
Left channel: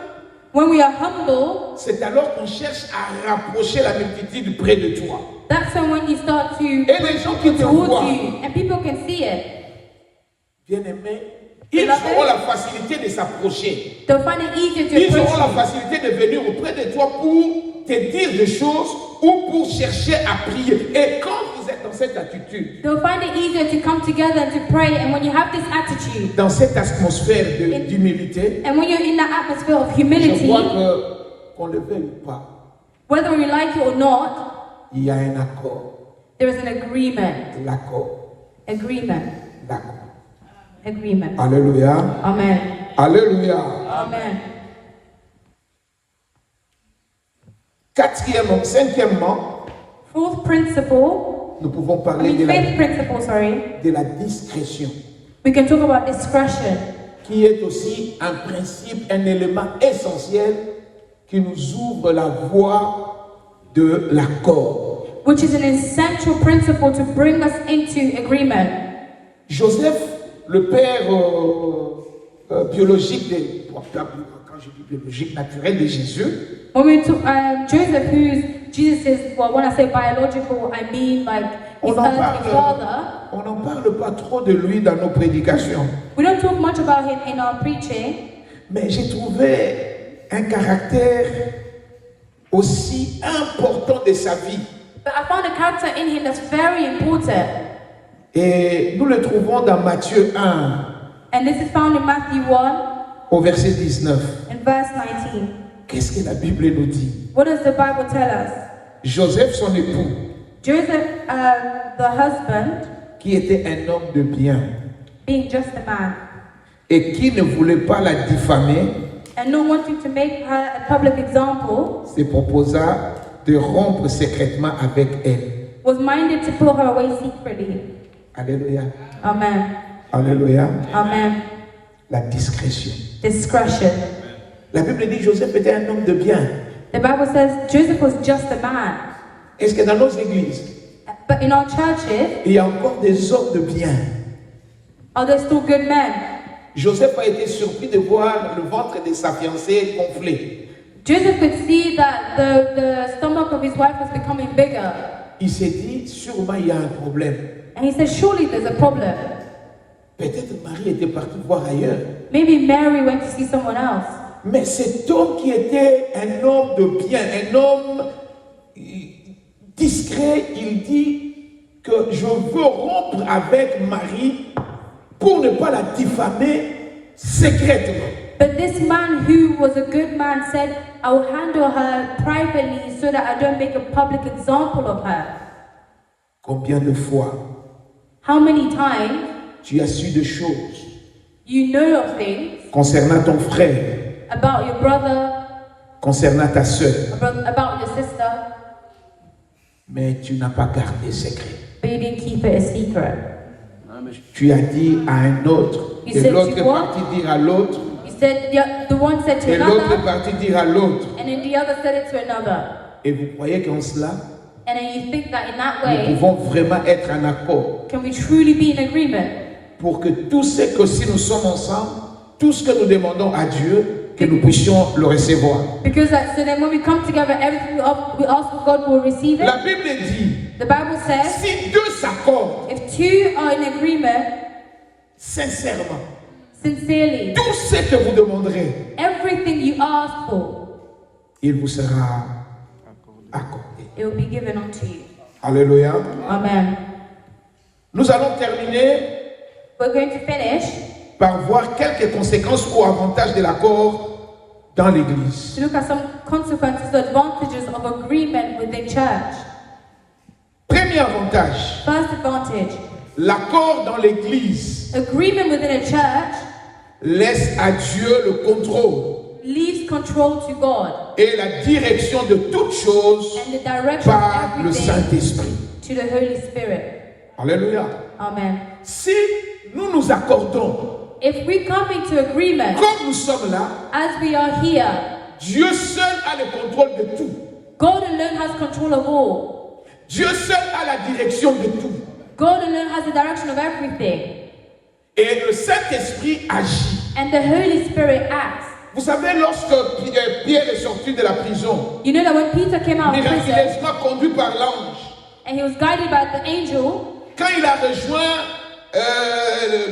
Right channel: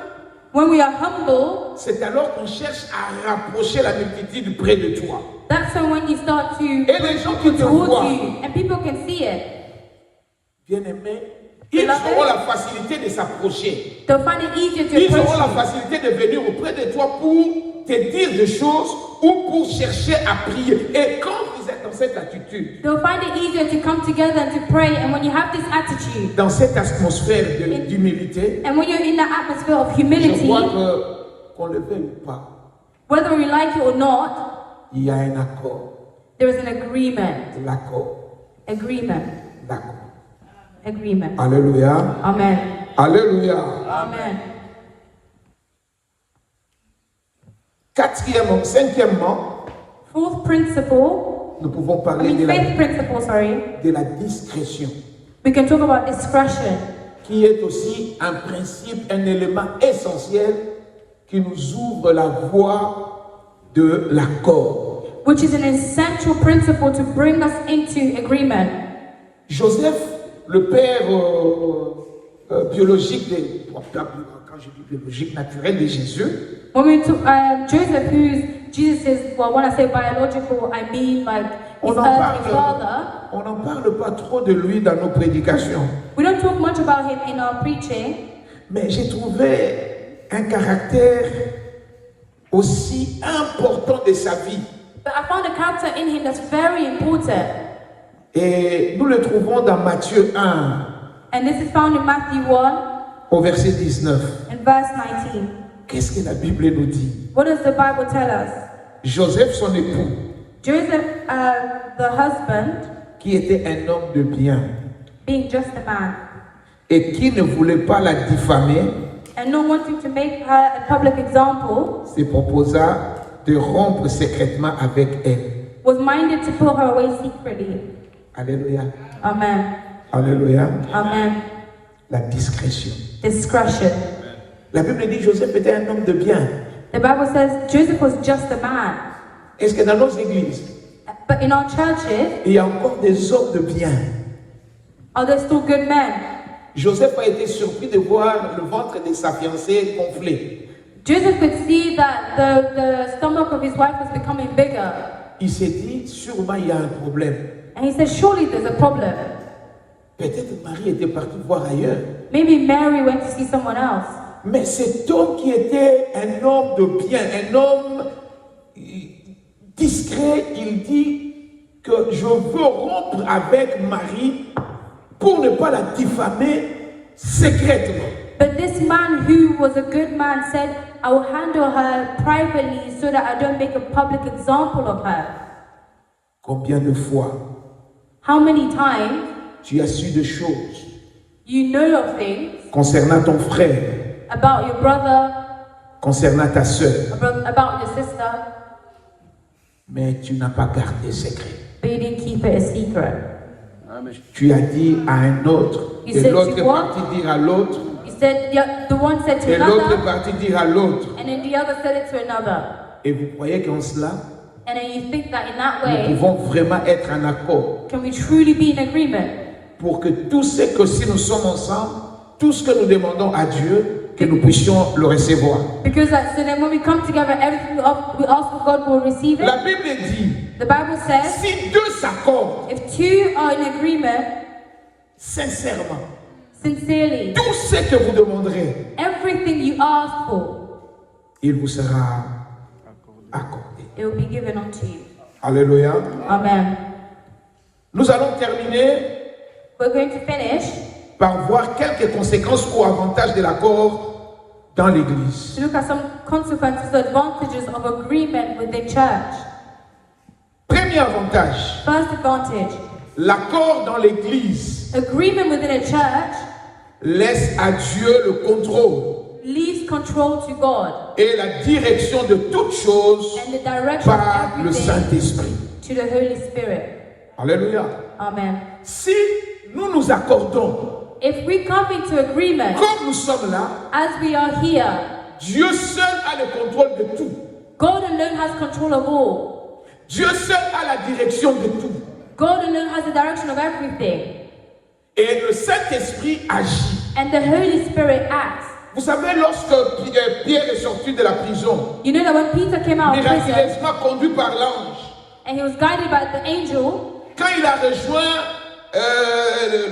When we are humble, c'est alors qu'on cherche à rapprocher la multitude près de toi. that's when you start to Et les gens qui te towards voient, you, and people can see it. bien-aimés, ils auront la facilité de s'approcher. They'll find it easier to Ils approach auront you. la facilité de venir auprès de toi pour te dire des choses ou pour chercher à prier. Et quand vous êtes dans cette attitude, They'll find it easier to come together and to pray. And when you have this attitude, dans cette atmosphère d'humilité, and when you're in that atmosphere of je humility, vois que, qu'on le veuille ou pas, whether we like it or not, il y a un accord. there is an agreement. L'accord. Agreement. L'accord. Agreement. Alléluia. Amen. Alléluia. Amen. Cinquièmement, Fourth principle, nous pouvons I parler mean fifth principle, sorry. de la discrétion, We can talk about discretion, qui est aussi un principe, un élément essentiel qui nous ouvre la voie de l'accord. which is an essential principle to bring us into agreement. Joseph, le père biologique, quand je dis biologique, naturel de Jésus, When we took Joseph, who's Jesus' well, when I say biological, I mean like his on earthly father. n'en parle pas trop de lui dans nos prédications, We don't talk much about him in our preaching, mais j'ai trouvé un caractère aussi important de sa vie. but I found a character in him that's very important. Et nous le trouvons dans Matthieu 1, And this is found in Matthew 1 au verset 19. and verse 19. Qu'est-ce que la Bible nous dit? What does the Bible tell us? Joseph, son époux, Joseph, the husband, qui était un homme de bien being just a man, et qui ne voulait pas la diffamer, and not wanting to make her a public example, se proposa de rompre secrètement avec elle. was minded to put her away secretly. Alléluia. Amen. Alléluia. Amen. La discrétion. Discretion. La Bible dit Joseph était un homme de bien. The Bible says Joseph was just a man. Est-ce que dans nos églises, But in our churches, il y a encore des hommes de bien? are there still good men? Joseph a été surpris de voir le ventre de sa fiancée gonflé. Joseph could see that the stomach of his wife was becoming bigger. Il s'est dit, sûrement il y a un problème. And he said, surely there's a problem. Peut-être Marie était partie voir ailleurs. Maybe Mary went to see someone else. Mais cet homme qui était un homme de bien, un homme discret, il dit que je veux rompre avec Marie pour ne pas la diffamer secrètement. But this man who was a good man said, I will handle her privately so that I don't make a public example of her. Combien de fois How many times tu as su des choses you know of things concernant ton frère, about your brother, concernant ta soeur, about your sister, mais tu n'as pas gardé secret. but you didn't keep it a secret. Tu as dit à un autre, You et said l'autre to est what? parti dire à l'autre, You said the one said to et l'autre est another, parti dire à l'autre. and then the other said it to another. Et vous croyez qu'en cela, And then you think that in that nous way, pouvons vraiment être en accord can we truly be in agreement? pour que tout ce que si nous sommes ensemble, tout ce que nous demandons à Dieu, que nous puissions le recevoir. Because so then when we come together, everything we ask for God will receive it. La Bible dit, The Bible says, si deux s'accordent if two are in agreement, sincèrement, sincerely, tout ce que vous demanderez, everything you ask for, il vous sera it will be given unto you. Alléluia. Amen. Nous allons terminer We're going to finish par voir quelques conséquences ou avantages de l'accord dans l'Église. to look at some consequences, advantages of agreement within church. Premier avantage, First advantage, l'accord dans l'Église agreement within a church laisse à Dieu le contrôle leaves control to God et la direction de toutes choses and the direction par of le everything Saint-Esprit. to the Holy Spirit. Alléluia. Amen. Si nous nous accordons, If we come into agreement, comme nous sommes là, as we are here, Dieu seul a le contrôle de tout. God alone has control of all. Dieu seul a la direction de tout. God alone has the direction of everything. Et le Saint-Esprit agit. And the Holy Spirit acts. Vous savez, lorsque Pierre est sorti de la prison, You know that when Peter came out of prison miraculeusement conduit par l'ange, and he was guided by the angel, quand il a rejoint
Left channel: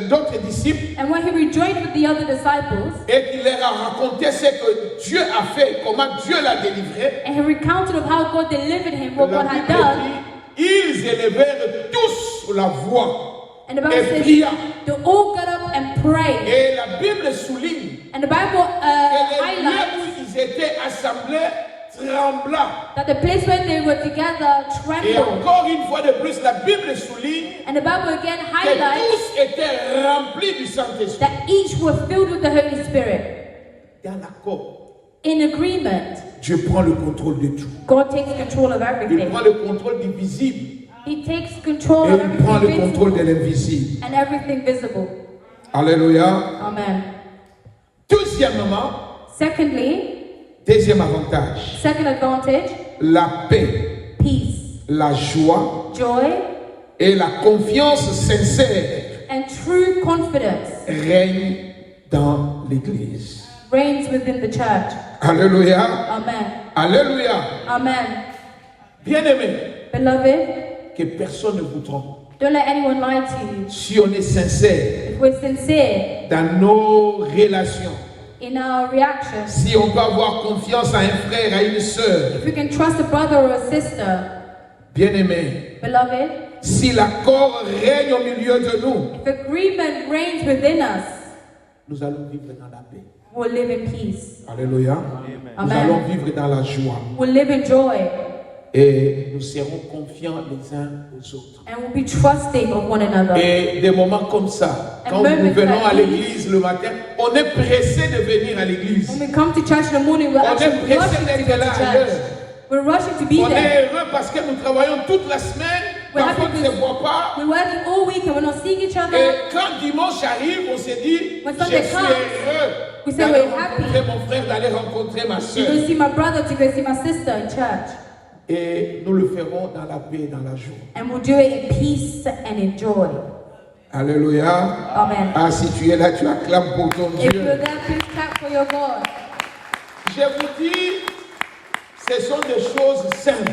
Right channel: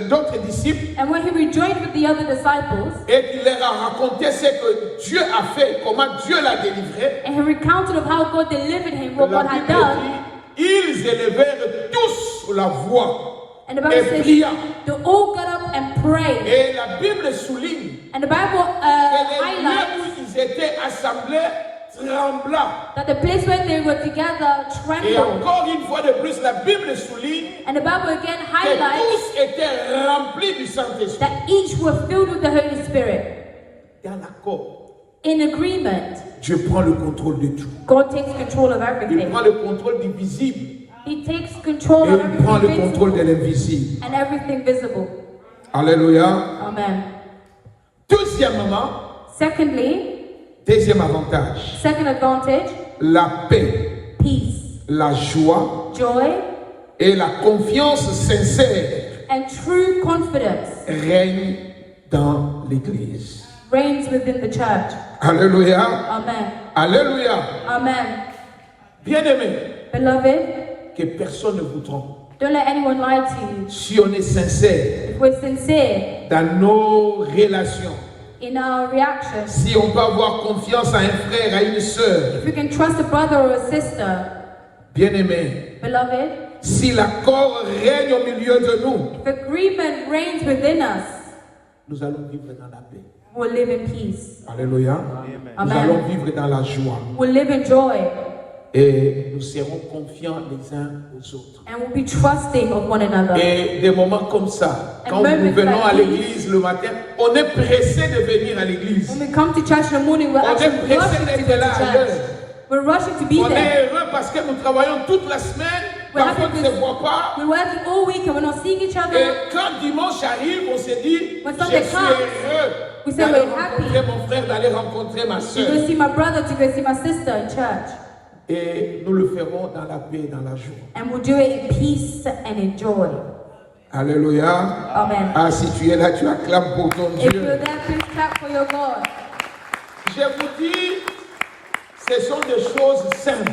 d'autres disciples and when he rejoined with the other disciples, et qu'il leur a raconté ce que Dieu a fait, comment Dieu l'a délivré, and he recounted of how God delivered him, what la God had Bible done, dit, ils élevèrent tous la voix and the et Bible says prièrent. they all got up and prayed. Et la Bible souligne And the Bible que les lieux highlights où ils étaient assemblés trembla. that the place where they were together Et trembled. encore une fois de plus, la Bible souligne And the Bible again que highlights tous étaient remplis du Saint-Esprit. that each were filled with the Holy Spirit. Dans l'accord, In agreement, Dieu prend le contrôle de tout. God takes control of Il everything. prend le contrôle du visible He takes control et of il prend le everything contrôle visible de l'invisible. and everything visible. Alléluia. Amen. Deuxièmement, Secondly, deuxième avantage, second advantage, la paix, peace, la joie joy, et la confiance sincère and true confidence règnent dans l'Église. reigns within the church. Alléluia. Amen. Alléluia. Amen. Bien-aimés, Beloved, que personne ne vous trompe. don't let anyone lie to you. Si on est sincère If we're sincere dans nos relations, in our reactions, si on peut avoir confiance à un frère, à une sœur, if we can trust a brother or a sister, bien-aimés, beloved, si l'accord règne au milieu de nous, if agreement reigns within us, nous allons vivre dans la paix. we'll live in peace. Alléluia. Nous Amen. allons vivre dans la joie. We'll live in joy. Et nous serons confiants les uns aux autres. And we'll be trusting of one another. Et des moments comme ça, quand nous venons à l'église le matin, on est pressé de venir à l'église. When we come to church in the morning, we're On actually est pressé rushing to d'être go là to ailleurs. church. We're rushing to be On there. est heureux parce que nous travaillons toute la semaine, parfois on ne se voit pas. We're working all week and we're not seeing each Et other. quand dimanche arrive, on se dit, When je Sunday suis comes, heureux we say d'aller we're rencontrer happy. mon frère, d'aller rencontrer ma To soeur. go see my brother, to go see my sister in church. Et nous le ferons dans la paix, dans la joie. And we'll do it in peace and in joy. Alléluia. Amen. Ah, si tu es là, tu acclames pour ton If you're Dieu. there, please clap for your God. Je vous dis, ce sont des choses simples.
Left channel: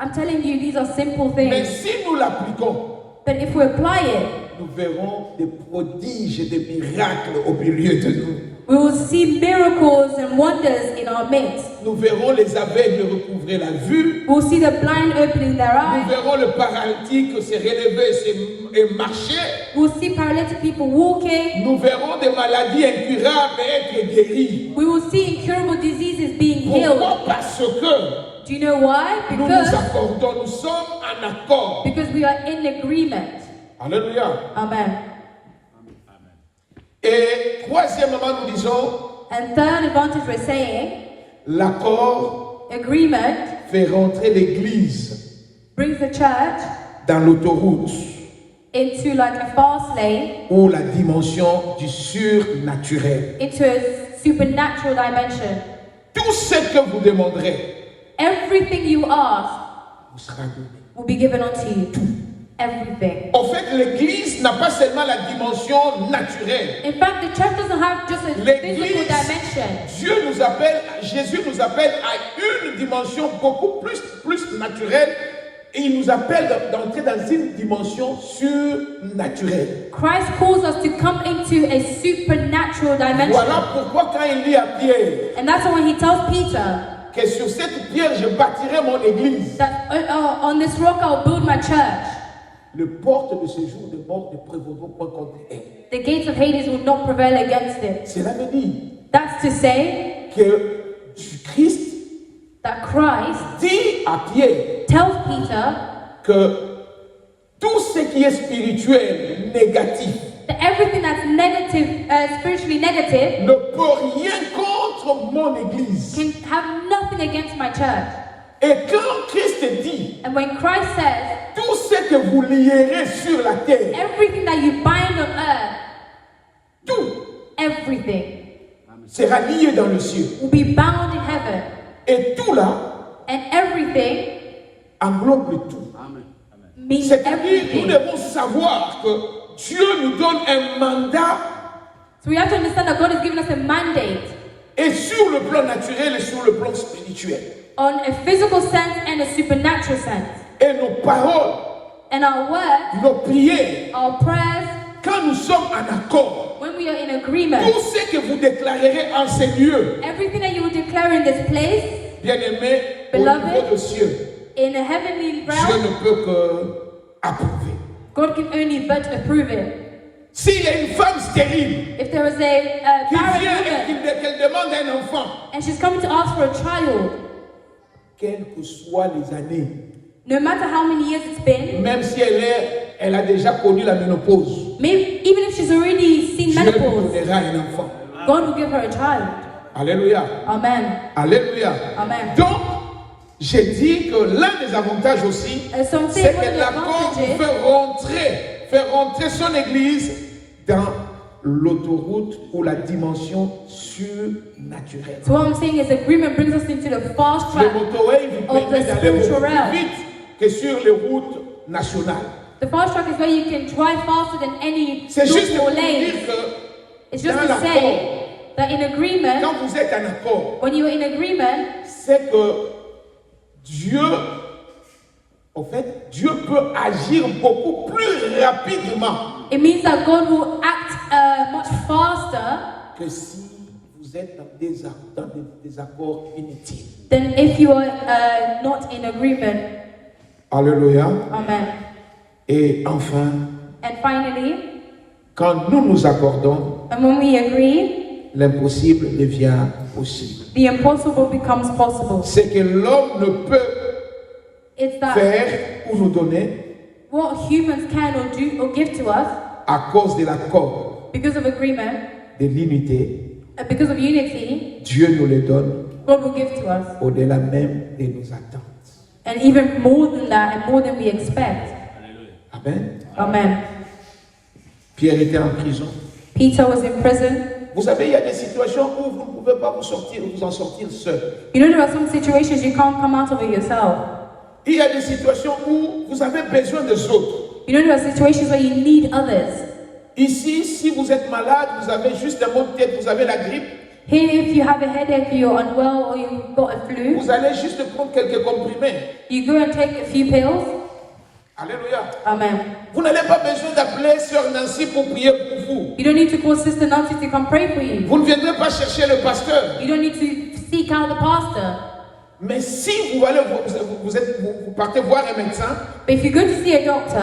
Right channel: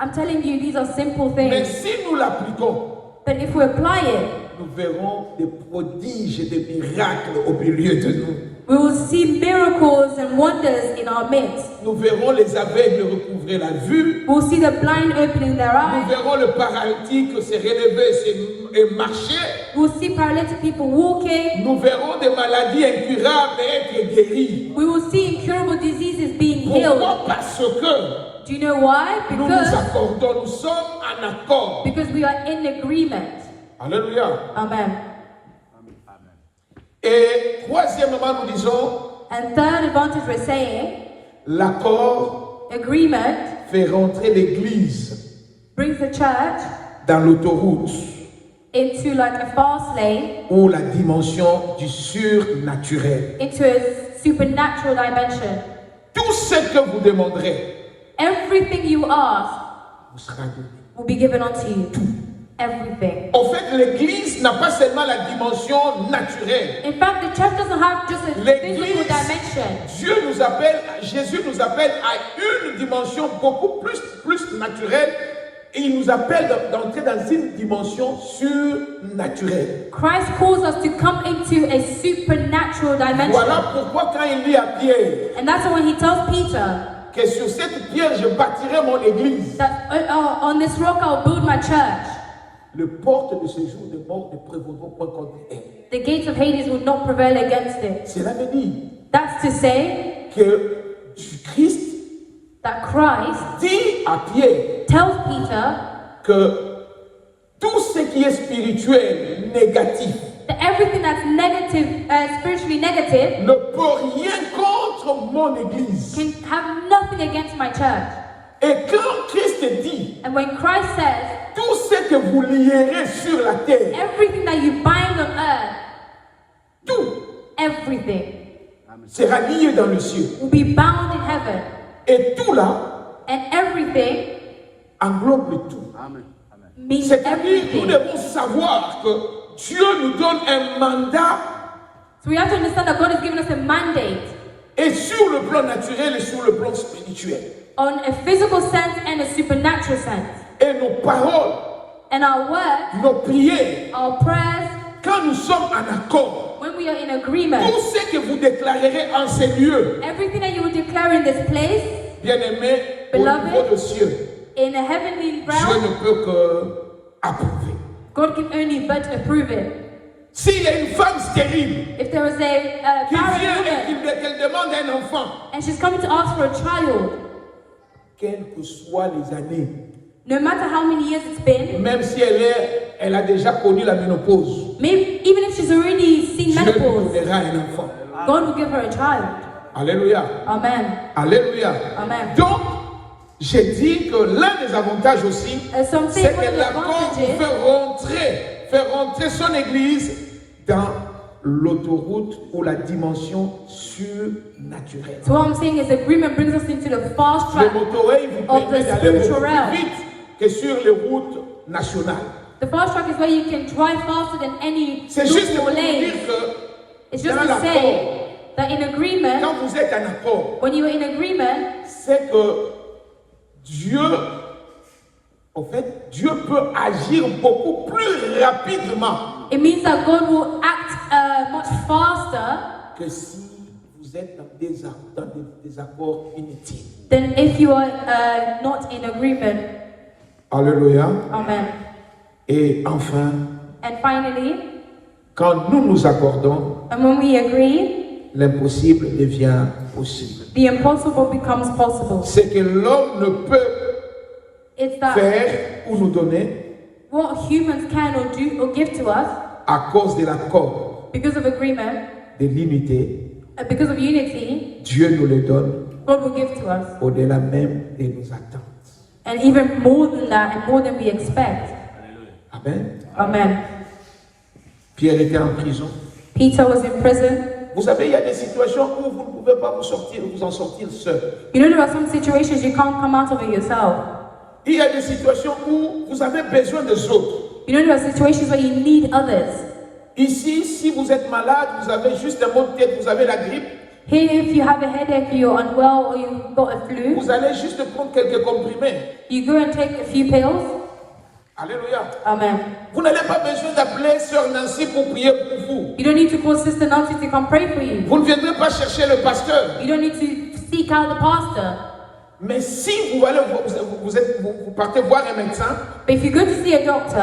I'm telling you, these are simple Mais things. si nous l'appliquons, But if we apply it, nous verrons des prodiges et des miracles au milieu de nous. we will see miracles and wonders in our midst. Nous verrons les aveugles recouvrer la vue. We'll see the blind opening their Nous eyes. verrons le paralytique se relever et marcher. We'll see paralytic people walking. Nous verrons des maladies incurables être guéries. We will see incurable diseases being healed. Pourquoi? Parce que Do you know why? nous nous Because accordons, nous sommes en accord. we are in agreement. Alléluia. Amen. Et troisièmement, nous disons, And third advantage we're saying, l'accord agreement fait rentrer l'Église brings the church dans l'autoroute into like a fast lane, ou la dimension du surnaturel. into a supernatural dimension. Tout ce que vous demanderez Everything you ask vous sera donné. will be given unto you. Everything. En fait, l'Église n'a pas seulement la dimension naturelle. In fact, the church doesn't have just a L'église, physical dimension. Dieu nous appelle, Jésus nous appelle à une dimension beaucoup plus naturelle. Et il nous appelle d'entrer dans une dimension surnaturelle. Christ calls us to come into a supernatural dimension. Voilà pourquoi quand il dit à Pierre, And that's why when he tells Peter, que sur cette pierre je bâtirai mon église. that on this rock I'll build my church. Les portes de ce jour de mort ne prévaudront pas contre elle. The gates of Hades will not prevail against it. Cela veut dire That's to say que Christ that Christ dit à Pierre tells Peter que tout ce qui est spirituel, négatif, that everything that's negative, spiritually negative, ne peut rien contre mon église. can have nothing against my church. Et quand Christ dit, And when Christ says, tout ce que vous lierez sur la terre, everything that you bind on earth, tout everything sera lié dans le ciel. will be bound in heaven. Et tout là And everything englobe le tout. means C'est-à-dire, nous everything. devons savoir que Dieu nous donne un mandat, So we have to understand that God has given us a mandate et sur le plan naturel et sur le plan spirituel. on a physical sense and a supernatural sense. Et nos paroles, And our words, nos prières, our prayers, quand nous sommes en accord, when we are in agreement, tout ce que vous déclarerez en ces lieux, everything that you will declare in this place, bien-aimés, au Beloved, niveau des cieux, in a heavenly Dieu realm, ne peut que approuver. God can only but approve it. S'il y a une femme stérile If there is a qui barren vient et woman qu'elle demande un enfant, and she's coming to ask for a child, quelles que soient les années, no matter how many years it's been, même si elle a déjà connu la ménopause, maybe even if she's already seen Dieu lui menopause, donnera un enfant. God will give her a child. Alléluia. Amen. Alléluia. Amen. Donc, j'ai dit que l'un des avantages aussi, Some say c'est one of que the l'accord advantages fait rentrer son église dans l'autoroute ou la dimension surnaturelle. So what I'm saying is agreement brings us into the fast Le track. motorway vous Of permet the d'aller beaucoup spiritual plus realm. vite que sur les routes nationales. The fast track is where you can drive faster than any C'est juste local pour dire lane. que It's just dans to l'accord, say that in agreement, quand vous êtes en accord, when you are in agreement, c'est que Dieu, en fait, Dieu peut agir beaucoup plus rapidement it means that God will act much faster que si vous êtes dans des désaccords inutiles. than if you are not in agreement. Alléluia. Amen. Et enfin, And finally, quand nous nous accordons, and when we agree, l'impossible devient possible. the impossible becomes possible. Ce que l'homme ne peut It's that faire ou nous donner what humans can or do or give to us à cause de l'accord, because of agreement, de l'unité, because of unity, Dieu nous le donne God will give to us. au-delà même de nos attentes. And even more than that, and more than we expect. Amen. Amen. Pierre était en prison. Peter was in prison. Vous savez, il y a des situations où vous ne pouvez pas vous en sortir seul. You know, there are some situations you can't come out of it yourself. Il y a des situations où vous avez besoin des autres. You know, there are situations where you need others. Ici, si vous êtes malade, vous avez juste un mot de tête, vous avez la grippe, Here, if you have a headache, you're unwell, or you've got a flu, vous allez juste prendre quelques comprimés. you go and take a few pills. Alléluia. Amen. Vous n'avez pas besoin d'appeler Sœur Nancy pour prier pour vous. You don't need to call Sister Nancy to come pray for you. Vous ne viendrez pas chercher le pasteur. You don't need to seek out the pastor. Mais si vous partez voir un médecin But if you go to see a doctor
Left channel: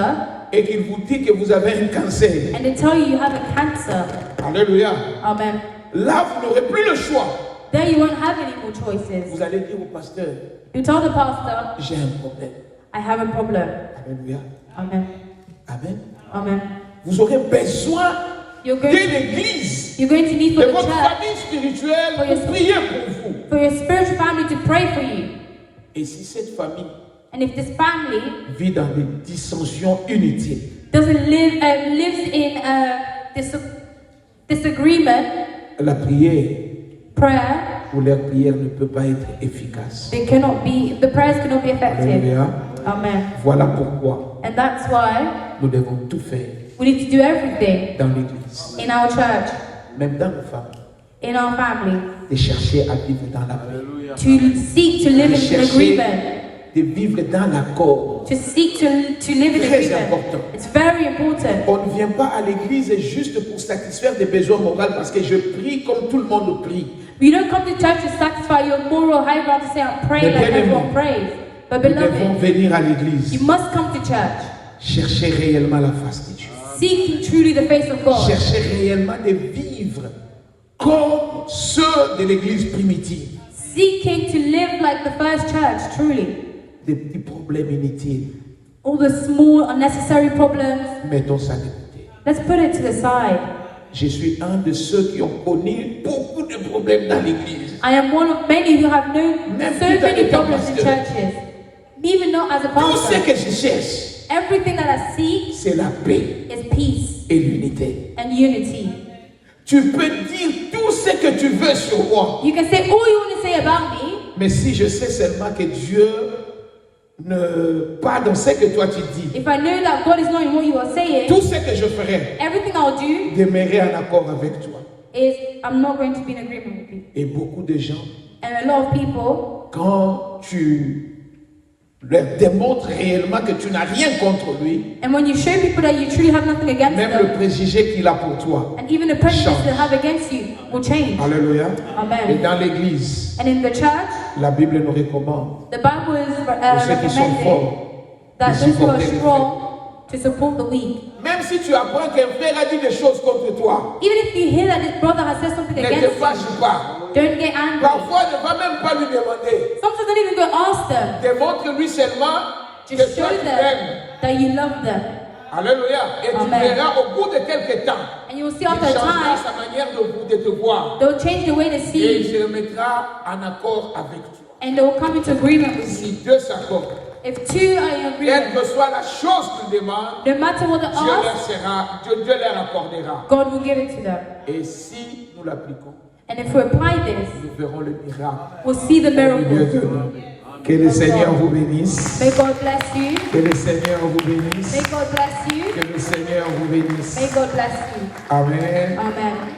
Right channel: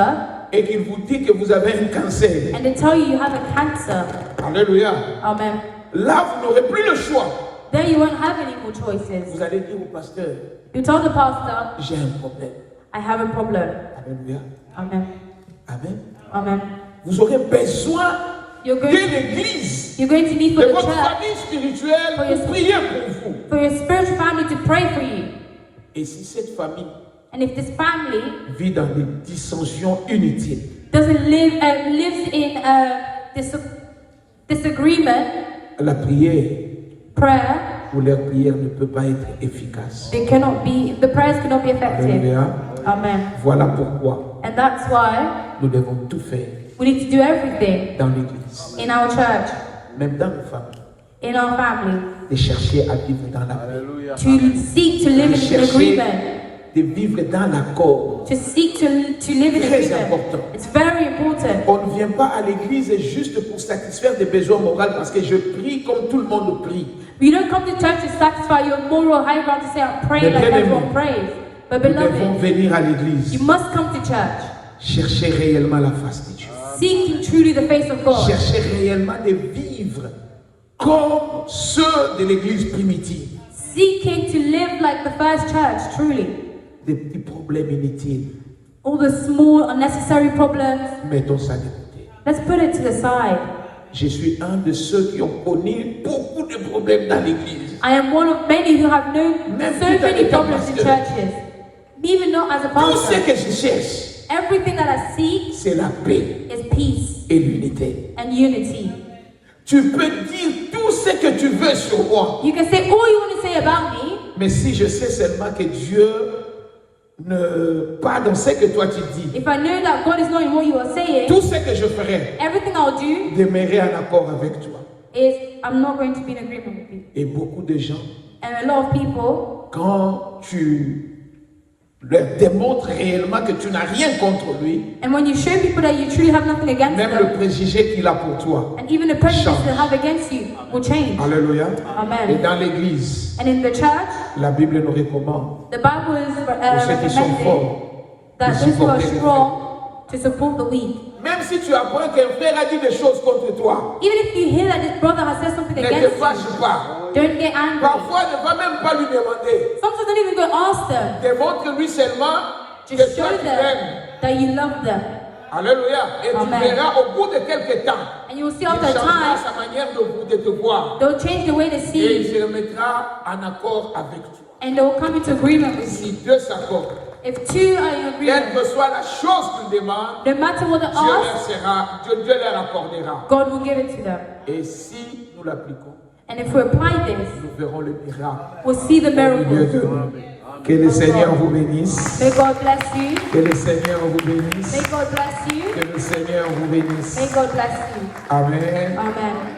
et qu'il vous dit que vous avez un cancer, and they tell you have a cancer, alléluia, amen, là vous n'aurez plus le choix. then you won't have any more choices. Vous allez dire au pasteur, You tell the pastor, j'ai un problème. I have a problem. Alléluia. Amen. Amen. Amen. Vous aurez besoin You're de going to, l'église, you're going to need de for the votre church, famille spirituelle pour prier pour vous. for your spiritual family to pray for you. Et si cette famille And if this family vit dans des dissensions inutiles, doesn't lives in disagreement, la prière prayer, ou leur prière ne peut pas être efficace. the prayers cannot be effective. Alléluia. Amen. Voilà pourquoi And that's why nous devons tout faire we need to do everything dans l'église, in our church, même dans nos familles, in our family, de chercher à vivre dans la paix, to seek to live in agreement, de vivre dans l'accord. to seek to live in Très agreement. important. It's very important. On ne vient pas à l'église juste pour satisfaire des besoins moraux parce que je prie comme tout le monde prie. You don't come to church to satisfy your moral high ground to say, I pray Mais like bien everyone aimé, prays. But Nous devons beloved, venir à l'église, you must come to church, chercher réellement la face de Dieu. seeking truly the face of God, Chercher réellement de vivre comme ceux de l'église primitive. seeking to live like the first church, truly. Des petits problèmes inutiles, All the small, unnecessary problems, mettons ça de côté. let's put it to the side. Je suis un de ceux qui ont connu beaucoup de problèmes dans l'église. I am one of many who have known so many problems in churches. Even though as a Tout ce pastor, que je cherche, everything that I seek c'est la paix is peace et l'unité. and unity. Tu peux dire tout ce que tu veux sur moi, You can say all you want to say about me, mais si je sais seulement que Dieu ne pas dans ce que toi tu dis, if I know that God is not in what you are saying, tout ce que je ferai everything I'll do demeurer en accord avec toi. is I'm not going to be in agreement with you. Et beaucoup de gens, And a lot of people, quand tu leur démontres réellement que tu n'as rien contre lui, and when you show people that you truly have nothing against même le them, préjugé qu'il a pour toi. and even the prejudice they have against you will change. Alléluia. Et Amen. dans l'église, And in the church, la Bible nous recommande, the Bible is pour ceux qui sont recommending forts, that those who are strong to support the weak. même si tu apprends qu'un frère a dit des choses contre toi, Even if you hear that this brother has said something ne te against fâche you, pas. don't get angry. Parfois, ne va même pas lui demander. Sometimes don't even go ask them. Démontre-lui seulement que Just toi show tu them l'aimes. that you love them. Alléluia. Et tu Amen. verras au bout de quelques temps, And you will see il after a changera time, sa manière de te voir. they'll change the way they see Et il you, se remettra en accord avec toi. and they'll come into agreement with you. Si Dieu s'accorde, If two are in quelle agreement, que soit la chose qu'ils demandent, no matter what they Dieu leur ask, sera, Dieu leur accordera. God will give it to them. Et si nous l'appliquons, And if we apply this, nous verrons le miracle. we'll see the miracle. Que le Seigneur vous bénisse. May God bless you. Que le Seigneur vous bénisse. May God bless you. Que le Seigneur vous bénisse. May God bless you. Amen. Amen.